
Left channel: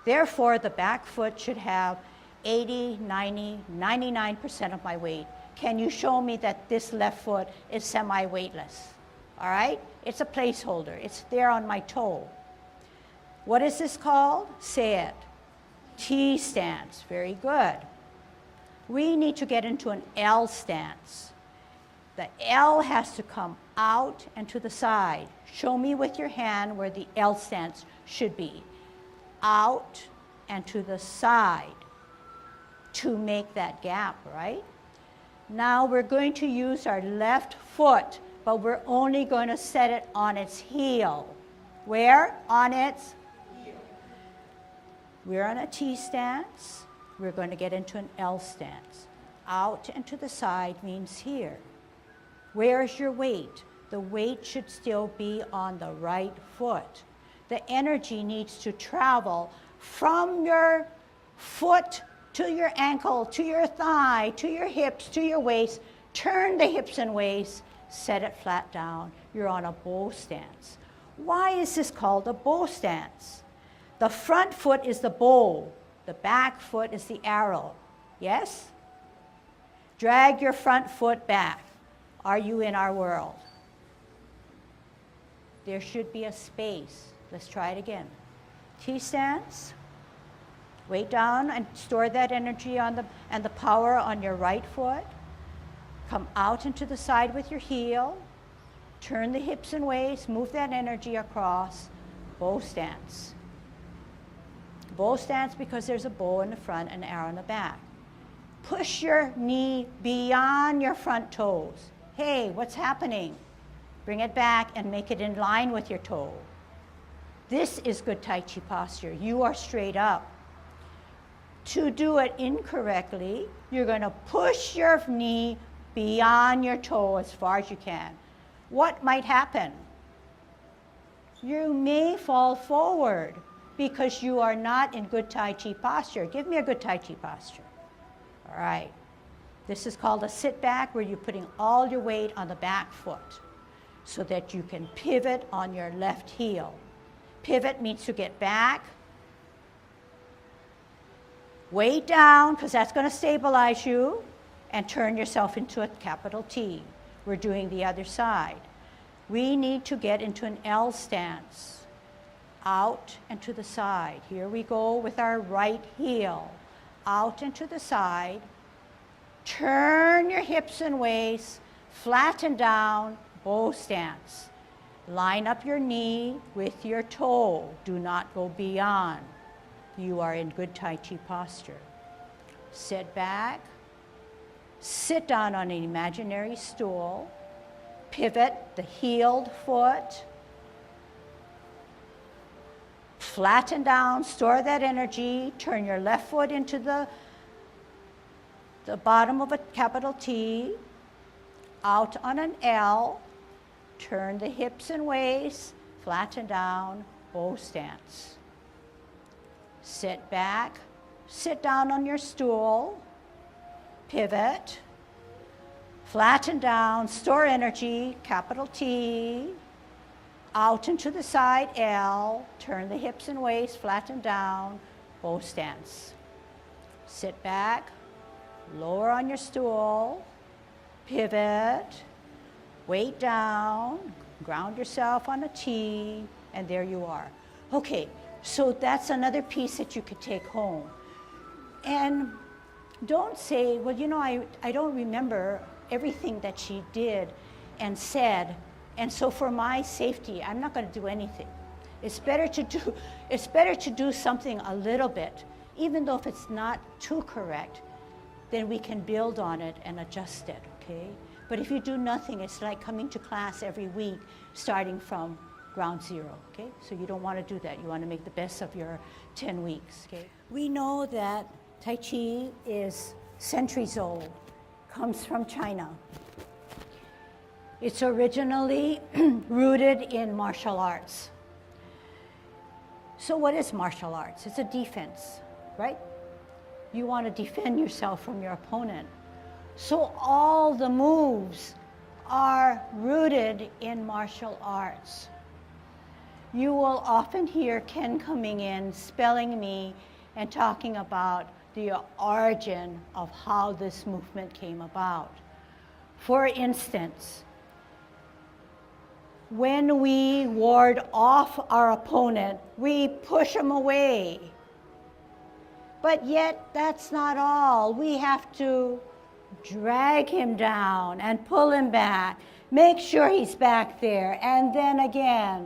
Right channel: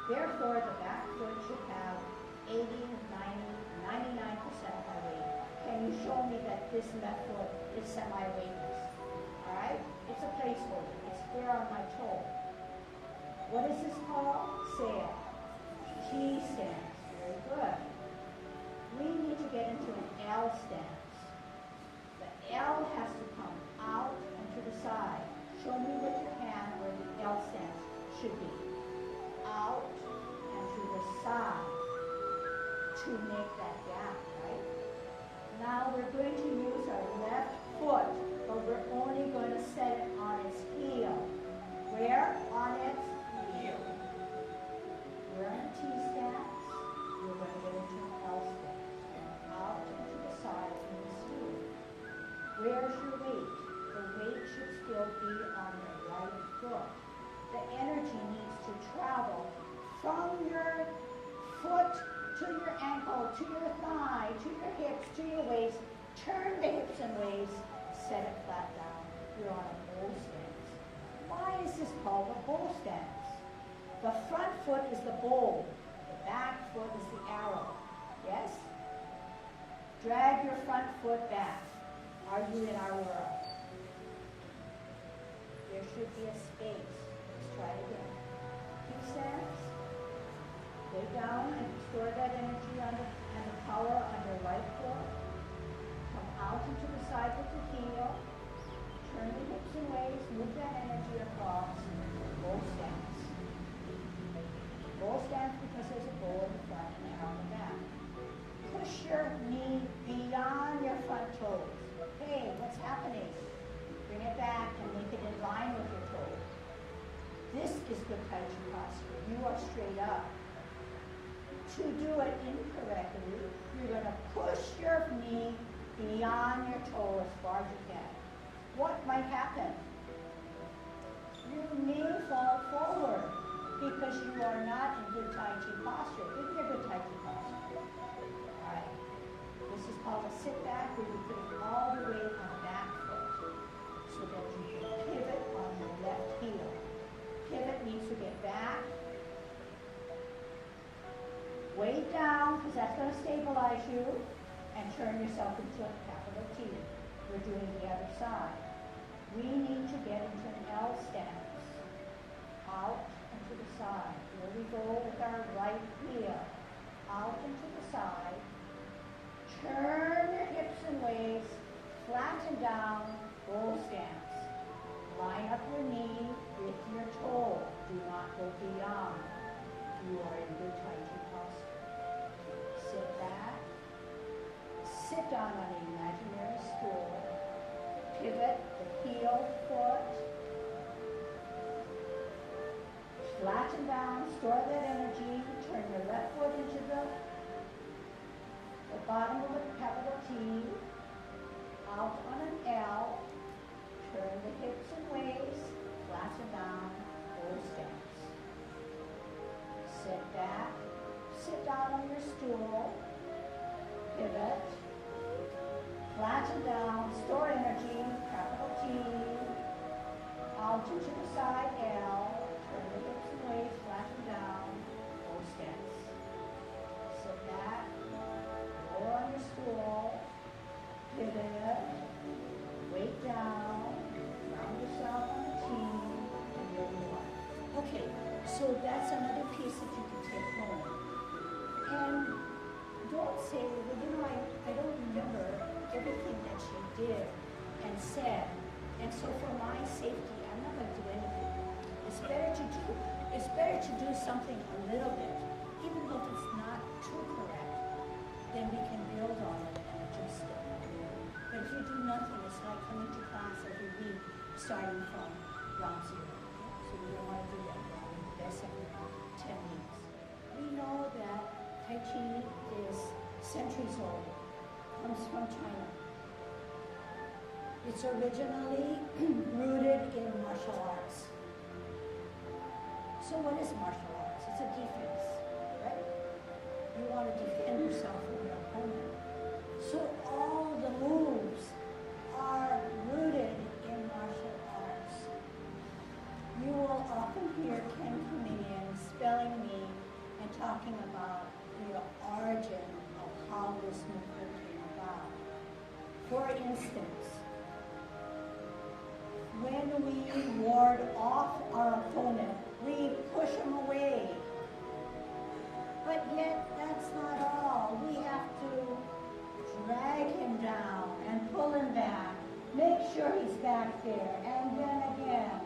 Therefore, the back foot should have 80, 90, 99% of my weight. Can you show me that this left foot is semi-weightless? All right? It's a placeholder. It's there on my toe. What is this called? Say it. T stance. Very good. We need to get into an L stance. The L has to come out and to the side. Show me with your hand where the L stance should be. Out and to the side to make that gap, right? Now we're going to use our left foot, but we're only going to set it on its heel. Where? On its heel. We're on a T stance. We're going to get into an L stance. Out and to the side means here. Where's your weight? The weight should still be on the right foot. The energy needs to travel from your foot to your ankle, to your thigh, to your hips, to your waist. Turn the hips and waist, set it flat down. You're on a bow stance. Why is this called a bow stance? The front foot is the bow. The back foot is the arrow. Yes? Drag your front foot back. Are you in our world? There should be a space. Let's try it again. T stance. Weight down and store that energy and the power on your right foot. Come out into the side with your heel. Turn the hips and waist, move that energy across. Bow stance. Bow stance because there's a bow in the front and an arrow in the back. Push your knee beyond your front toes. Hey, what's happening? Bring it back and make it in line with your toe. This is good Tai Chi posture. You are straight up. To do it incorrectly, you're going to push your knee beyond your toe as far as you can. What might happen? You may fall forward because you are not in good Tai Chi posture. Give me a good Tai Chi posture. All right. This is called a sit back, where you're putting all your weight on the back foot so that you can pivot on your left heel. Pivot means to get back. Weight down, because that's going to stabilize you, and turn yourself into a capital T. We're doing the other side. We need to get into an L stance. Out and to the side. Here we go with our right heel. Out and to the side. Turn your hips and waist. Flatten down. Bow stance. Line up your knee with your toe. Do not go beyond. You are in good Tai Chi posture. Sit back. Sit down on an imaginary stool. Pivot the heeled foot. Flatten down, store that energy. Turn your left foot into the bottom of a capital T. Out on an L. Turn the hips and waist. Flatten down, bow stance. Sit back. Sit down on your stool. Pivot. Flatten down, store energy, capital T. Out and to the side, L. Turn the hips and waist, flatten down, bow stance. Sit back, lower on your stool, pivot, weight down, ground yourself on a T, and there you are. Okay, so that's another piece that you could take home. And don't say, well, you know, I don't remember everything that she did and said, and so for my safety, I'm not going to do anything. It's better to do something a little bit, even though if it's not too correct, then we can build on it and adjust it, okay? But if you do nothing, it's like coming to class every week, starting from ground zero, okay? So you don't want to do that. You want to make the best of your 10 weeks, okay? We know that Tai Chi is centuries old, comes from China. It's originally rooted in martial arts. So what is martial arts? It's a defense, right? You want to defend yourself from your opponent. So all the moves are rooted in martial arts. You will often hear Ken coming in, spelling me, and talking about the origin of how this movement came about. For instance, when we ward off our opponent, we push him away. But yet, that's not all. We have to drag him down and pull him back, make sure he's back there, and then again,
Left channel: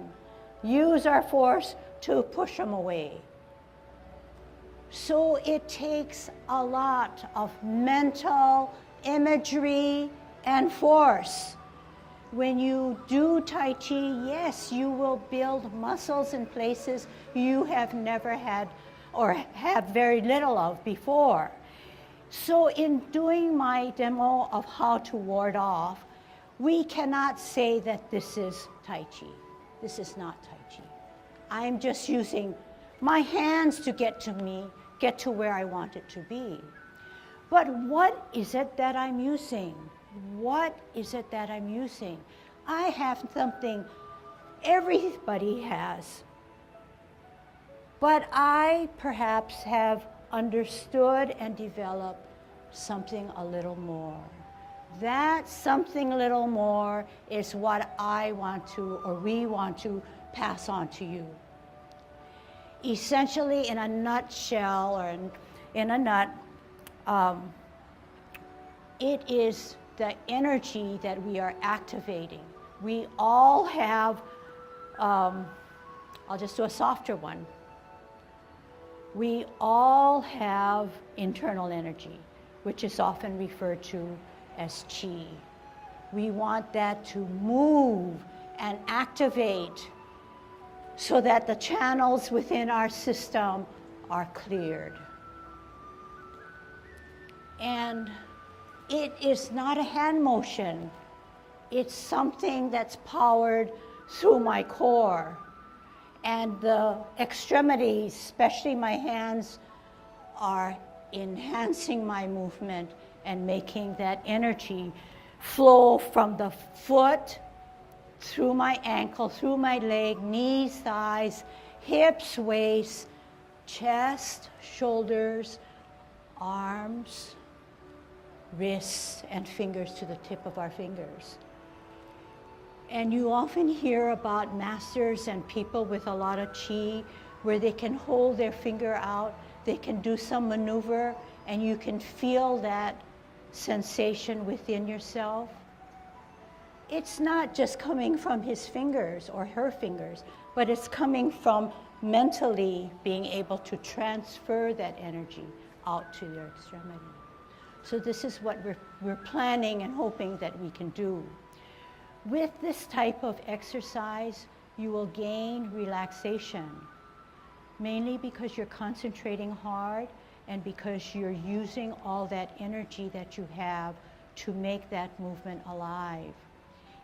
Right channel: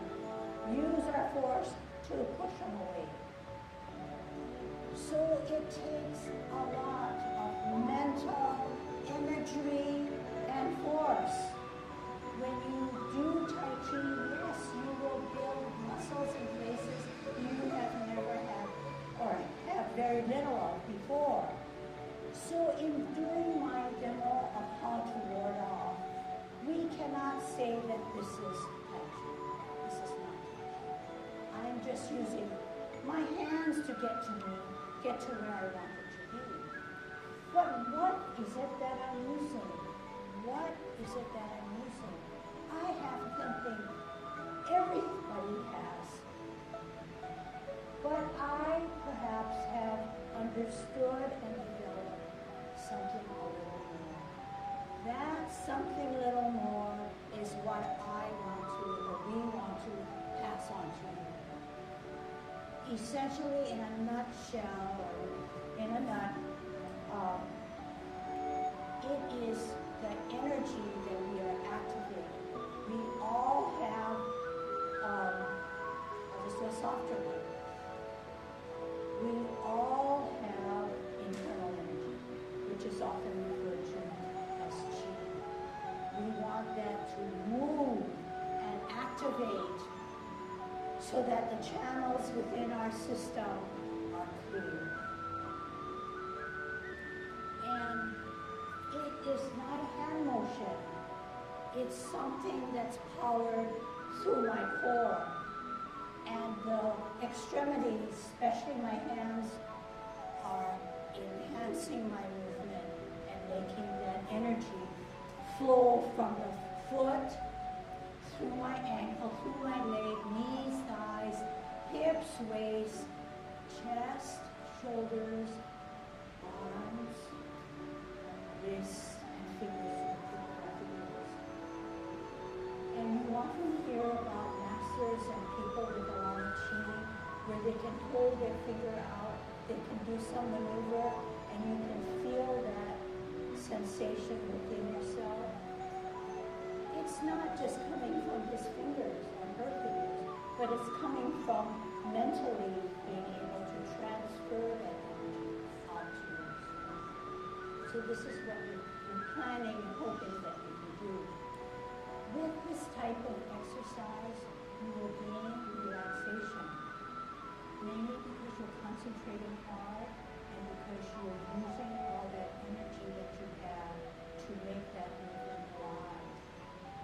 use our force to push him away. So it takes a lot of mental imagery and force. When you do Tai Chi, yes, you will build muscles in places you have never had or have very little of before. So in doing my demo of how to ward off, we cannot say that this is Tai Chi. This is not Tai Chi. I'm just using my hands to get to where I want it to be. But what is it that I'm using? What is it that I'm using? I have something everybody has, but I perhaps have understood and developed something a little more. That something a little more is what I want to, or we want to pass on to you. essentially, in a nutshell, or in a nut, it is the energy that we are activating. We all have, I'll just do a softer one. We all have internal energy, which is often referred to as chi. We want that to move and activate so that the channels within our system are cleared. And it is not a hand motion. It's something that's powered through my core. And the extremities, especially my hands, are enhancing my movement and making that energy flow from the foot, through my ankle, through my leg, knees, thighs, hips, waist, chest, shoulders, arms, wrists, and fingers to the tip of our fingers. And you often hear about masters and people with a lot of chi where they can hold their finger out, they can do some maneuver, and you can feel that sensation within yourself. It's not just coming from his fingers or her fingers, but it's coming from mentally being able to transfer that energy out to your extremity. So this is what we're planning and hoping that we can do. With this type of exercise, you will gain relaxation, mainly because you're concentrating hard and because you're using all that energy that you have to make that movement alive.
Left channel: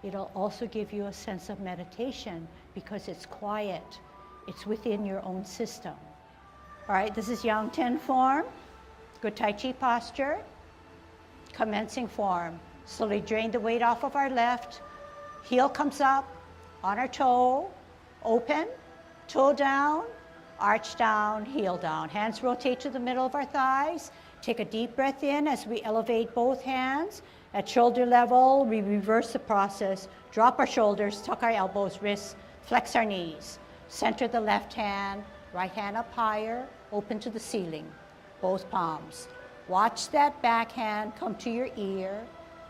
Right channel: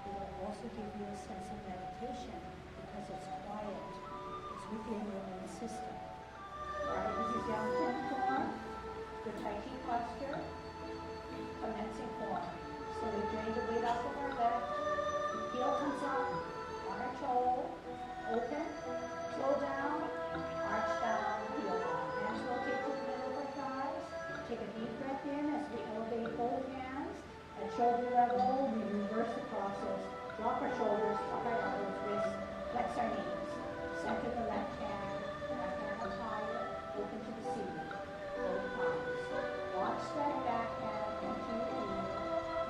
It'll also give you a sense of meditation because it's quiet. It's within your own system. All right, this is Yang Ten form, good Tai Chi posture, commencing form. Slowly drain the weight off of our left. Heel comes up on our toe, open, toe down, arch down, heel down. Hands rotate to the middle of our thighs. Take a deep breath in as we elevate both hands. At shoulder level, we reverse the process. Drop our shoulders, tuck our elbows, wrists, flex our knees. Center the left hand, right hand up higher, open to the ceiling, both palms. Watch that back hand come to your ear.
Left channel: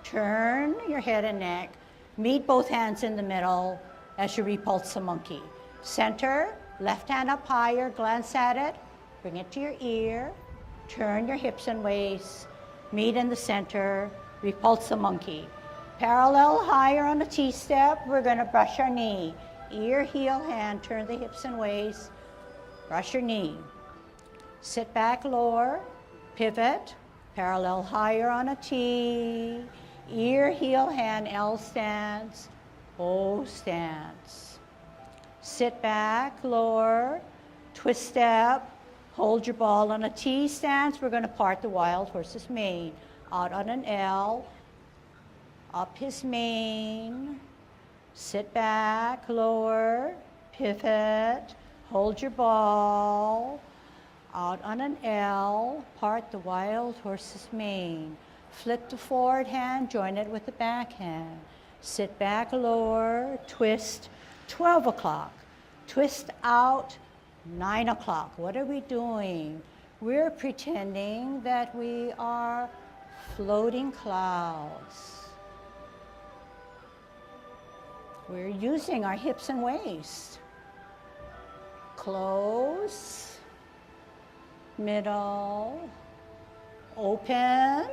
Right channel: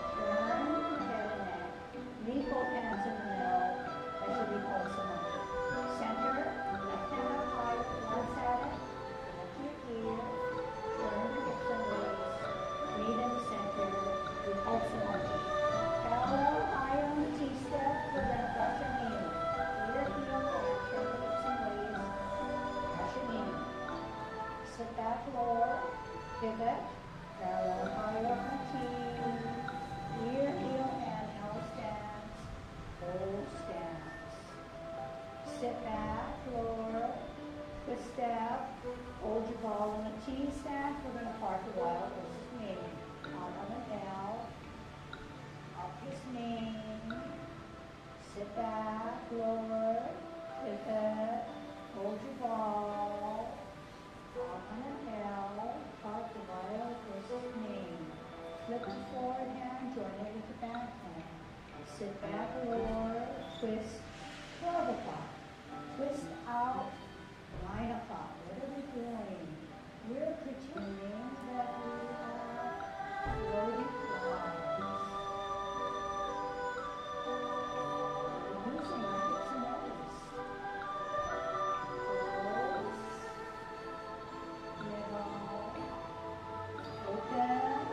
Turn your head and neck. Meet both hands in the middle as you repulse the monkey. Center, left hand up higher, glance at it, bring it to your ear. Turn your hips and waist. Meet in the center, repulse the monkey. Parallel higher on the T-step, we're gonna brush our knee. Ear, heel, hand, turn the hips and waist, brush your knee. Sit back, lower, pivot, parallel higher on a T. Ear, heel, hand, L stance, O stance. Sit back, lower, twist step, hold your ball on a T stance. We're gonna part the wild horse's mane. Out on an L, up his mane, sit back, lower, pivot, hold your ball, out on an L, part the wild horse's mane. Flip the forward hand, join it with the back hand. Sit back, lower, twist, 12 o'clock. Twist out, 9 o'clock. What are we doing? We're pretending that we are floating clouds. We're using our hips and waist. Close, middle, open,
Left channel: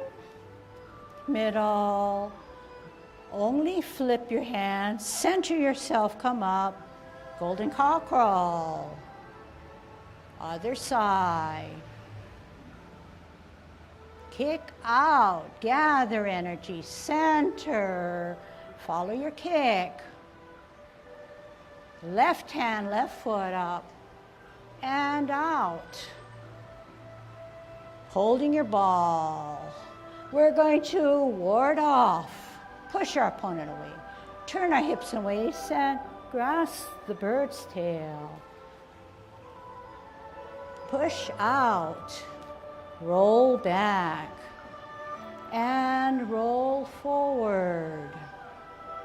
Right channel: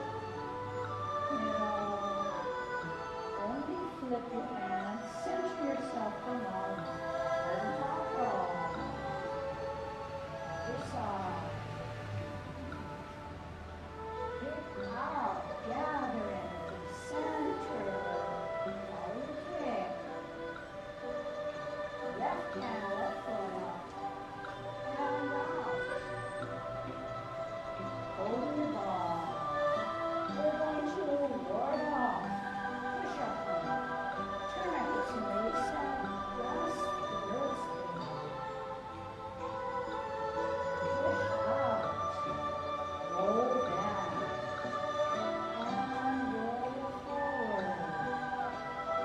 middle. Only flip your hands, center yourself, come up. Golden cow crawl. Other side. Kick out, gather energy, center. Follow your kick. Left hand, left foot up and out. Holding your ball. We're going to ward off. Push our opponent away. Turn our hips and waist and grasp the bird's tail. Push out. Roll back. And roll forward.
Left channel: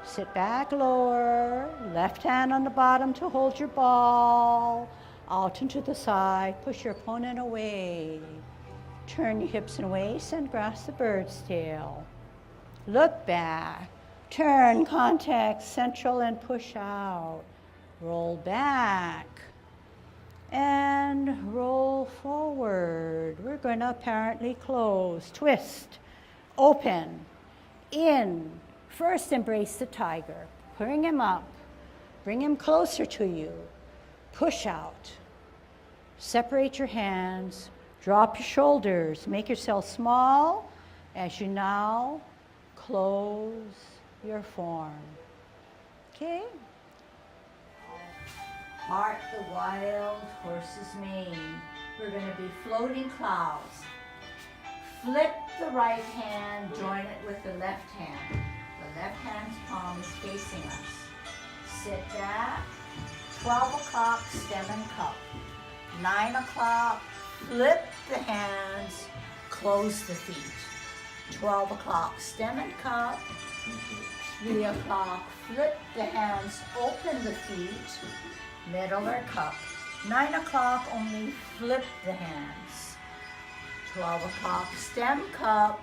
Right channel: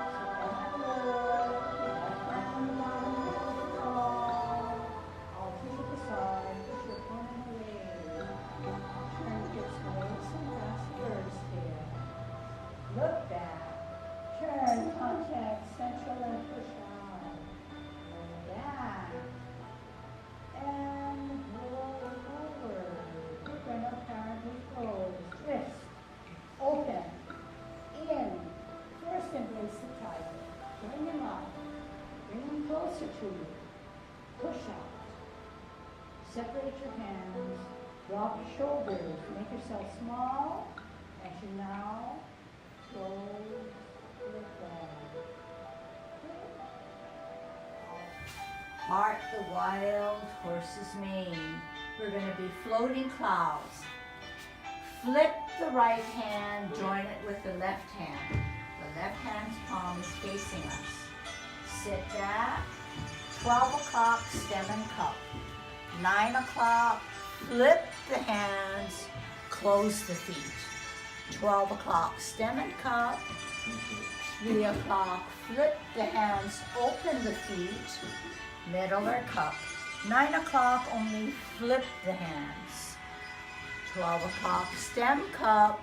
Sit back, lower. Left hand on the bottom to hold your ball. Out and to the side, push your opponent away. Turn your hips and waist and grasp the bird's tail. Look back, turn, contact, central and push out. Roll back and roll forward. We're going to apparently close. Twist, open, in. First embrace the tiger. Bring him up, bring him closer to you. Push out. Separate your hands, drop your shoulders, make yourself small as you now close your form. Okay? Part the wild horse's mane. We're going to be floating clouds. Flip the right hand, join it with the left hand. The left hand's palm is facing us. Sit back. 12 o'clock, stem and cup. 9 o'clock, flip the hands, close the feet. 12 o'clock, stem and cup. 3 o'clock, flip the hands, open the feet, middle or cup. 9 o'clock, only flip the hands. 12 o'clock, stem, cup.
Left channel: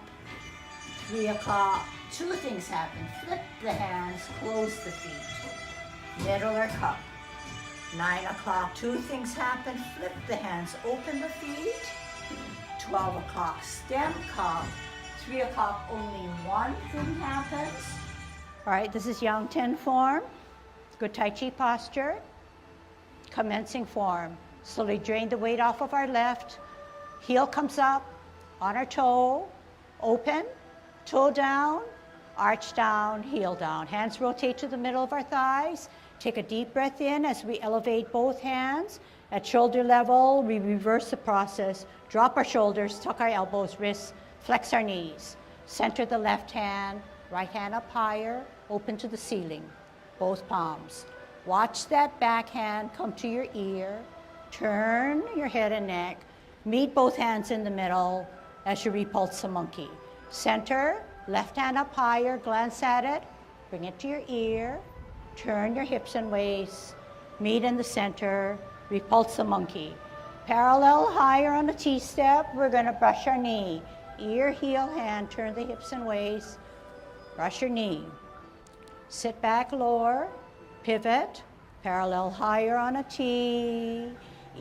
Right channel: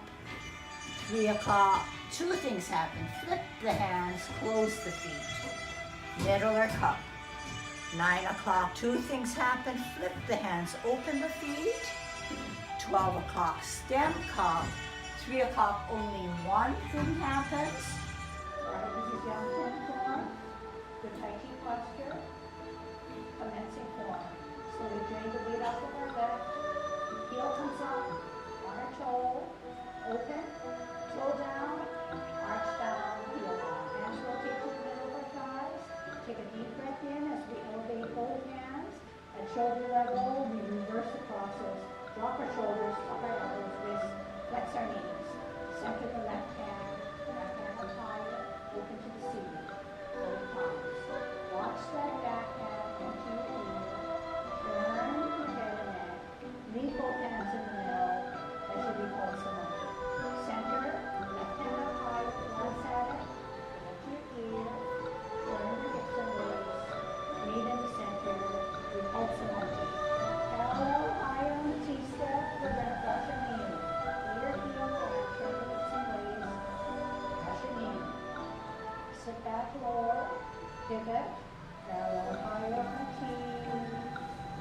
3 o'clock, two things happen. Flip the hands, close the feet, middle or cup. 9 o'clock, two things happen. Flip the hands, open the feet. 12 o'clock, stem, cup. 3 o'clock, only one thing happens. All right, this is Yang Ten form. Good Tai Chi posture. Commencing form. Slowly drain the weight off of our left. Heel comes up on our toe. Open, toe down, arch down, heel down. Hands rotate to the middle of our thighs. Take a deep breath in as we elevate both hands. At shoulder level, we reverse the process. Drop our shoulders, tuck our elbows, wrists, flex our knees. Center the left hand, right hand up higher, open to the ceiling, both palms. Watch that back hand come to your ear. Turn your head and neck. Meet both hands in the middle as you repulse the monkey. Center, left hand up higher, glance at it, bring it to your ear. Turn your hips and waist, meet in the center, repulse the monkey. Parallel higher on the T-step, we're gonna brush our knee. Ear, heel, hand, turn the hips and waist, brush your knee. Sit back, lower, pivot, parallel higher on a T.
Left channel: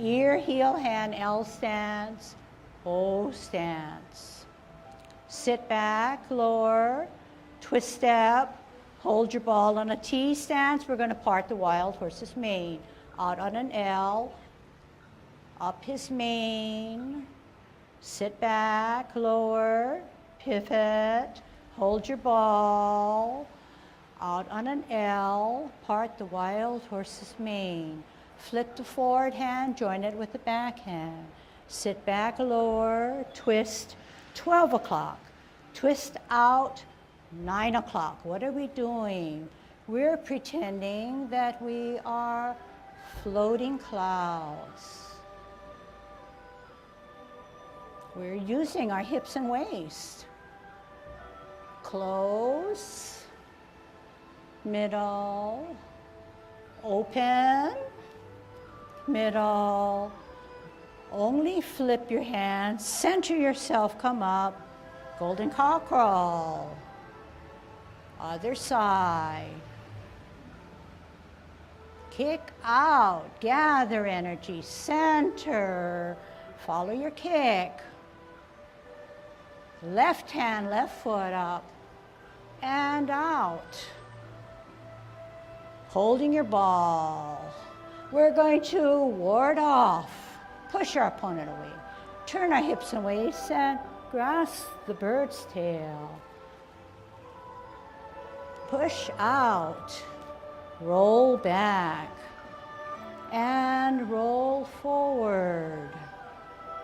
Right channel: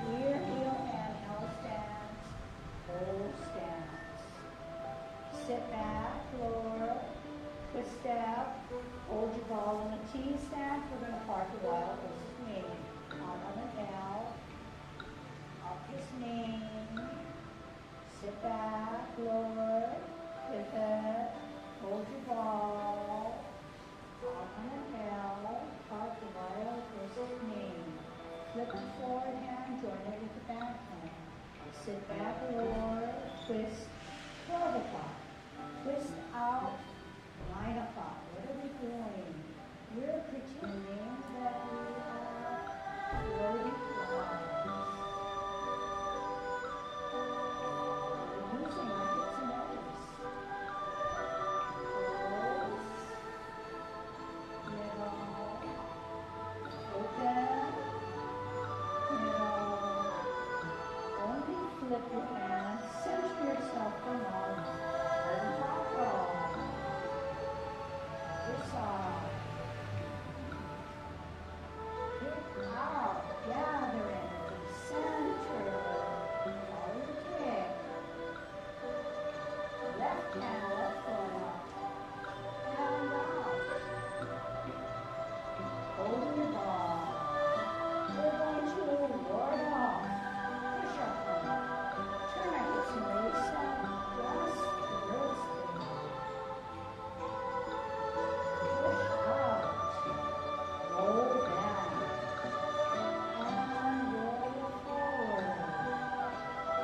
Ear, heel, hand, L stance, O stance. Sit back, lower, twist step, hold your ball on a T stance. We're going to part the wild horse's mane. Out on an L, up his mane. Sit back, lower, pivot, hold your ball. Out on an L, part the wild horse's mane. Flip the forward hand, join it with the back hand. Sit back, lower, twist, 12 o'clock. Twist out, 9 o'clock. What are we doing? We're pretending that we are floating clouds. We're using our hips and waist. Close, middle, open, middle. Only flip your hands, center yourself, come up, golden cockerel. Other side. Kick out, gather energy, center, follow your kick. Left hand, left foot up, and out. Holding your ball. We're going to ward off, push our opponent away, turn our hips and waist, and grasp the bird's tail. Push out, roll back, and roll forward.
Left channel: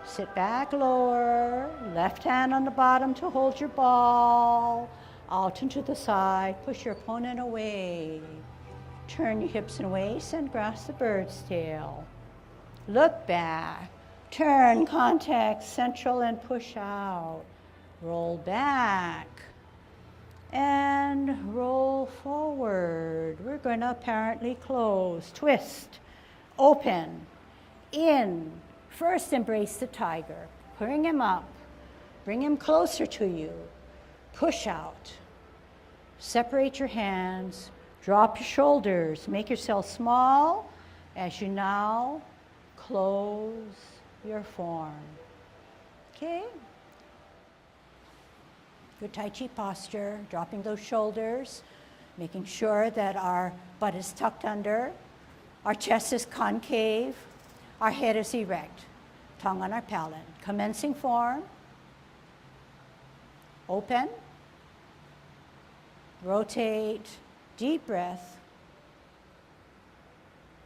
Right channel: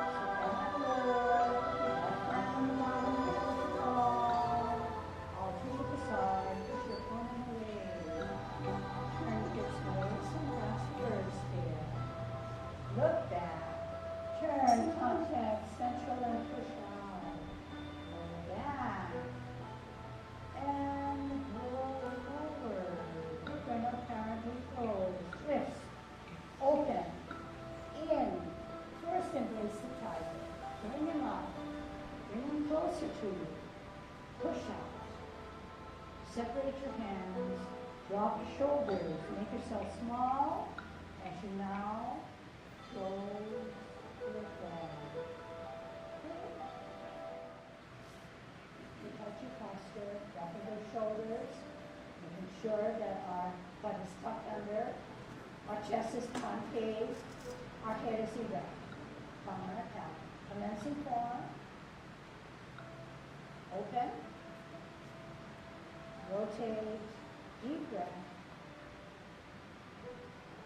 Sit back, lower, left hand on the bottom to hold your ball. Out and to the side, push your opponent away. Turn your hips and waist and grasp the bird's tail. Look back, turn, contact, central and push out. Roll back and roll forward. We're going to apparently close. Twist, open, In. First embrace the tiger. Bring him up. Bring him closer to you. Push out. Separate your hands. Drop your shoulders. Make yourself small as you now close your form. Okay? Good Tai Chi posture, dropping those shoulders, making sure that our butt is tucked under, our chest is concave, our head is erect, tongue on our palate. Commencing form, open, rotate, deep breath,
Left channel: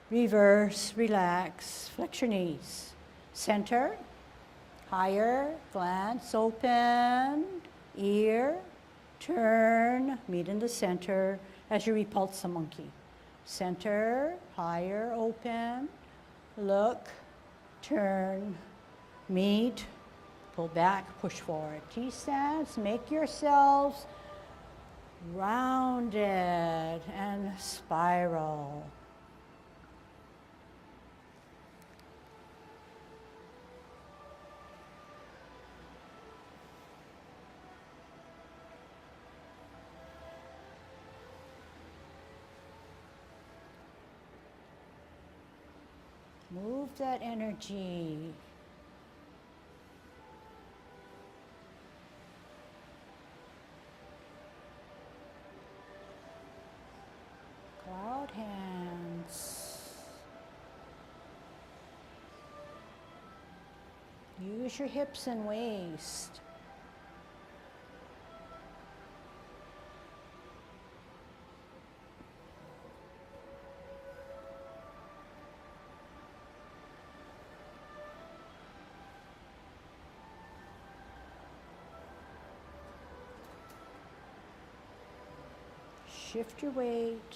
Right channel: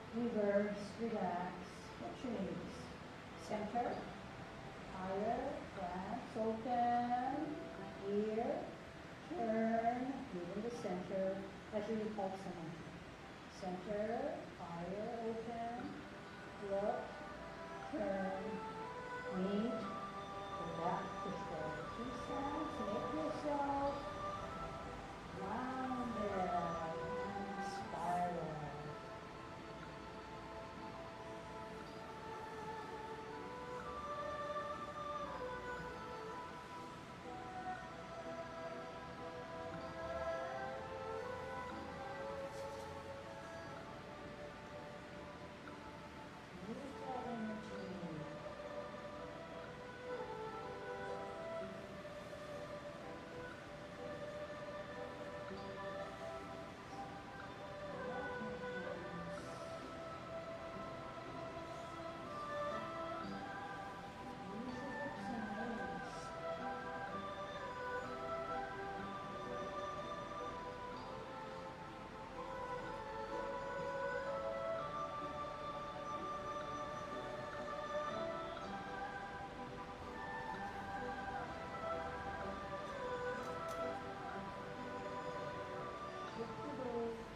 reverse, relax, flex your knees, center, higher, glance, open, ear, turn, meet in the center as you repulse the monkey. Center, higher, open, look, turn, meet, go back, push forward. T-stance, make yourselves rounded and spiral. Move that energy. Cloud hands. Use your hips and waist. Shift your weight,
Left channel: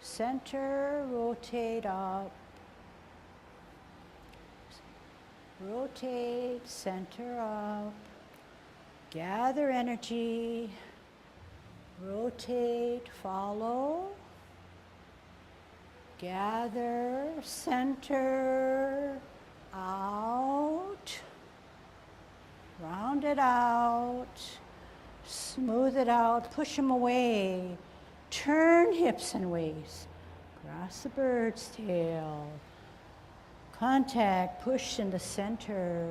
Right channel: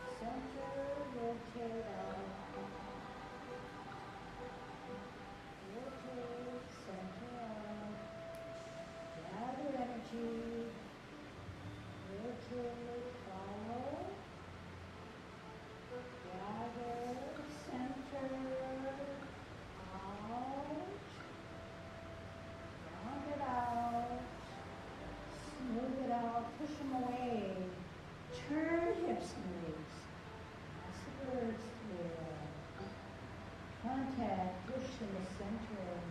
center, rotate up, rotate, center up, gather energy, rotate, follow, gather, center, out, round it out, smooth it out, push them away. Turn hips and waist. Cross the bird's tail. Contact, push in the center.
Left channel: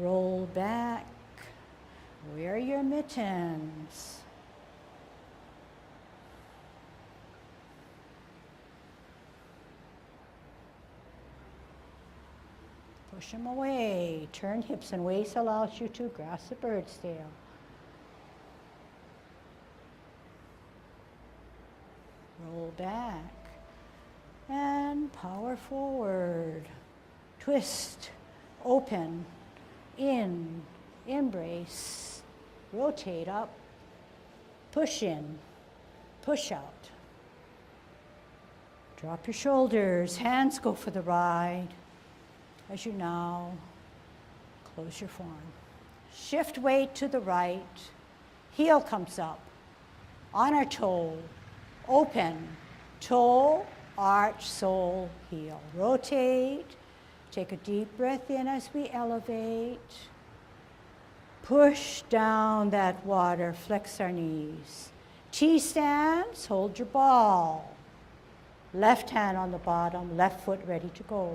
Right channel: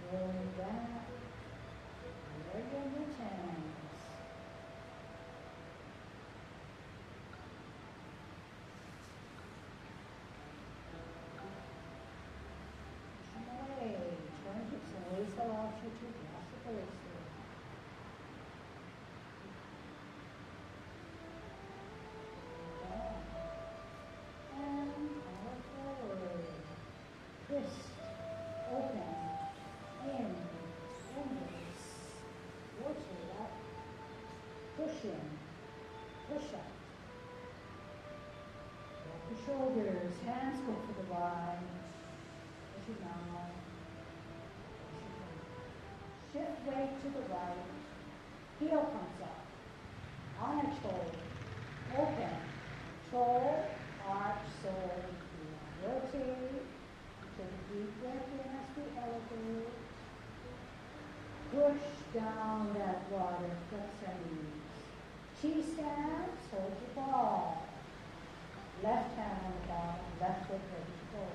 Roll back. Wear your mittens. Push them away. Turn hips and waist allows you to grasp the bird's tail. Roll back and power forward. Twist, open, in, embrace, rotate up, push in, push out. Drop your shoulders, hands go for the ride as you now close your form. Shift weight to the right, heel comes up, on our toe, open, toe, arch, sole, heel. Rotate, take a deep breath in as we elevate. Push down that water, flex our knees. T-stance, hold your ball. Left hand on the bottom, left foot ready to go.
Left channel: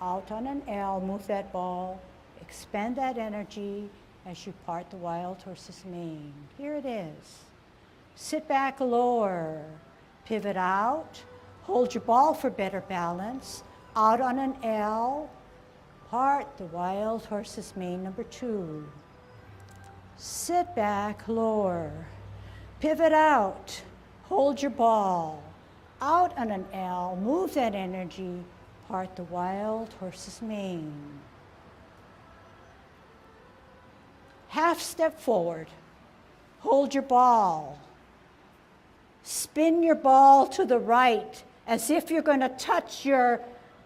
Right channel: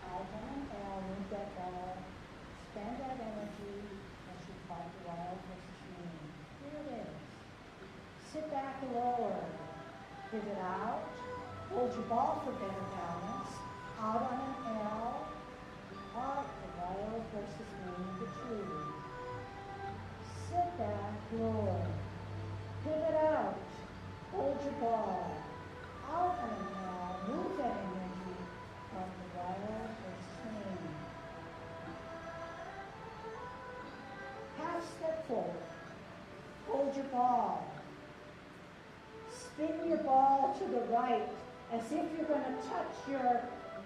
Out on an L, move that ball, expend that energy as you part the wild horse's mane. Here it is. Sit back, lower, pivot out, hold your ball for better balance, out on an L, part the wild horse's mane, number 2. Sit back, lower, pivot out, hold your ball, out on an L, move that energy, part the wild horse's mane. Half step forward, hold your ball, spin your ball to the right as if you're going to touch your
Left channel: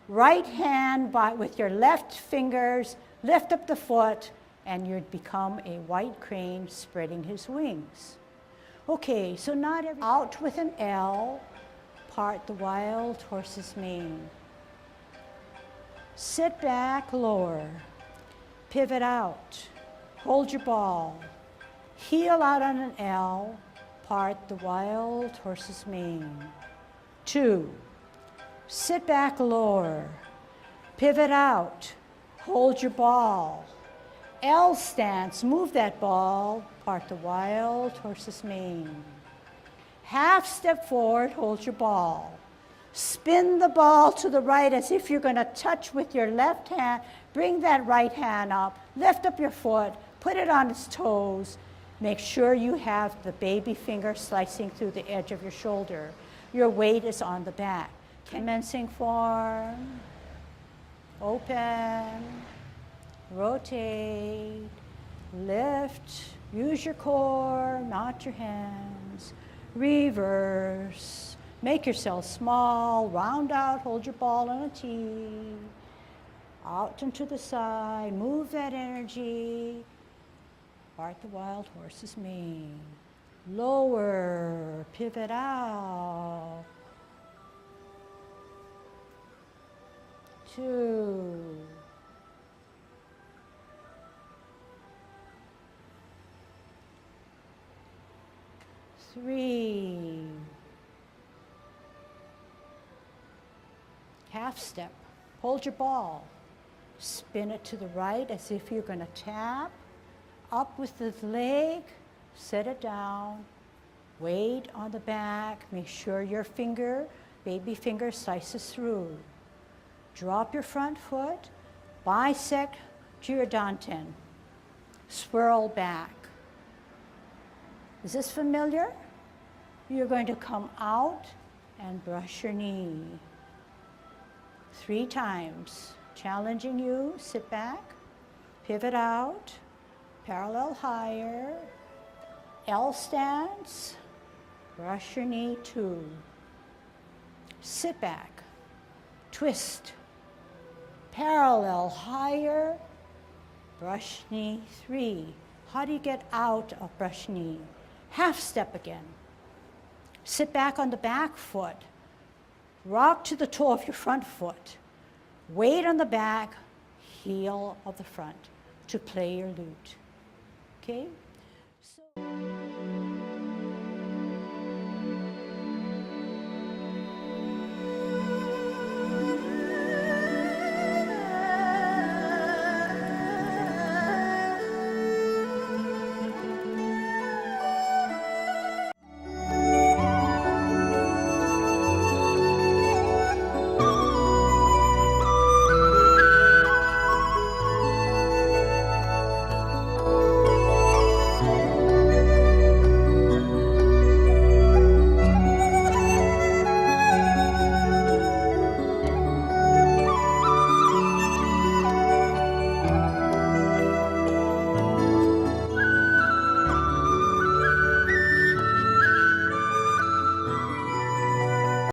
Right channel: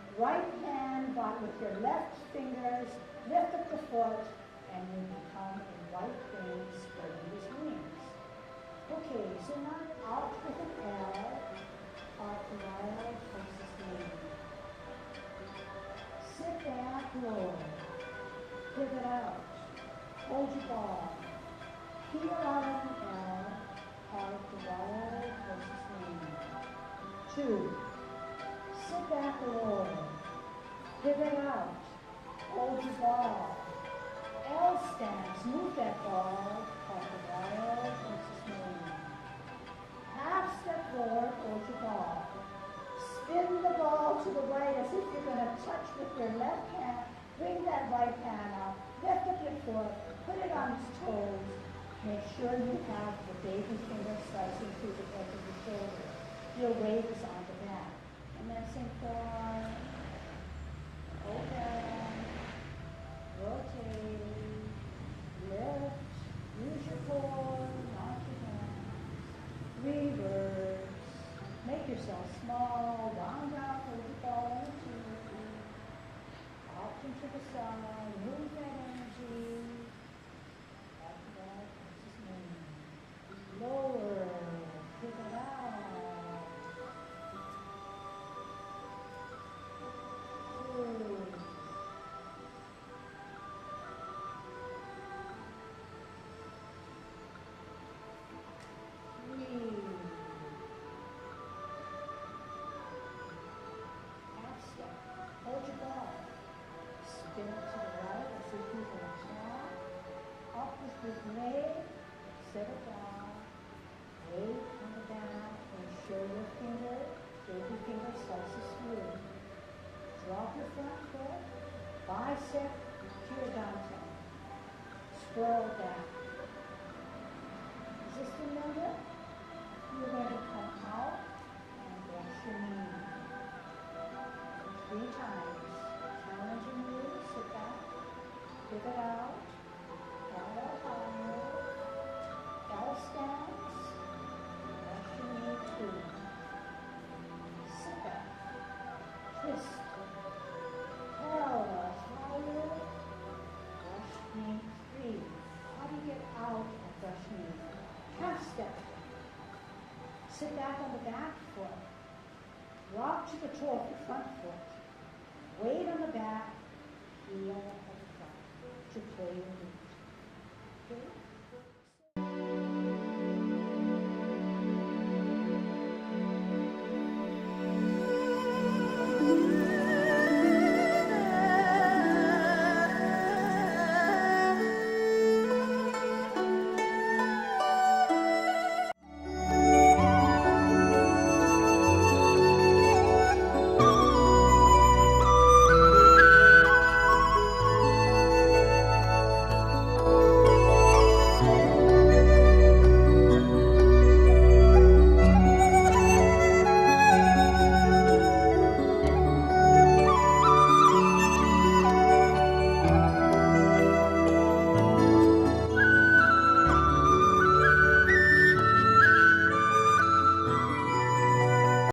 right hand with your left fingers, lift up the foot, and you'd become a white crane spreading his wings. Okay, so not out with an L, part the wild horse's mane. Sit back, lower. Pivot out. Hold your ball. Heel out on an L. Part the wild horse's mane. 2. Sit back, lower. Pivot out. Hold your ball. L stance. Move that ball. Part the wild horse's mane. Half step forward. Hold your ball. Spin the ball to the right as if you're going to touch with your left hand. Bring that right hand up. Lift up your foot. Put it on its toes. Make sure you have the baby finger slicing through the edge of your shoulder. Your weight is on the back. Commencing form. Open. Rotate. Lift. Use your core, not your hands. Reverse. Make yourself small, round out, hold your ball on a tee. Out and to the side, move that energy. Part the wild horse's mane. Lower, pivot out. 2. 3. Half step. Hold your ball. Spin it to the right as if you're going to tap. Up with the leg. Set it down. Weight on the back. Make sure your finger, baby finger, slices through. Drop your front foot. Bisect to your danten. Swirl back. Is this familiar? You're going to come out and brush your knee. 3 times. Challenging you, sit back, pivot out, parallel higher, L stance, brush your knee 2. Sit back, twist, parallel higher, brush knee 3. How do you get out of brush knee? Half step again. Sit back on the back foot. Rock to the toe of your front foot. Weight on the back, heel of the front to play your lute. Okay? So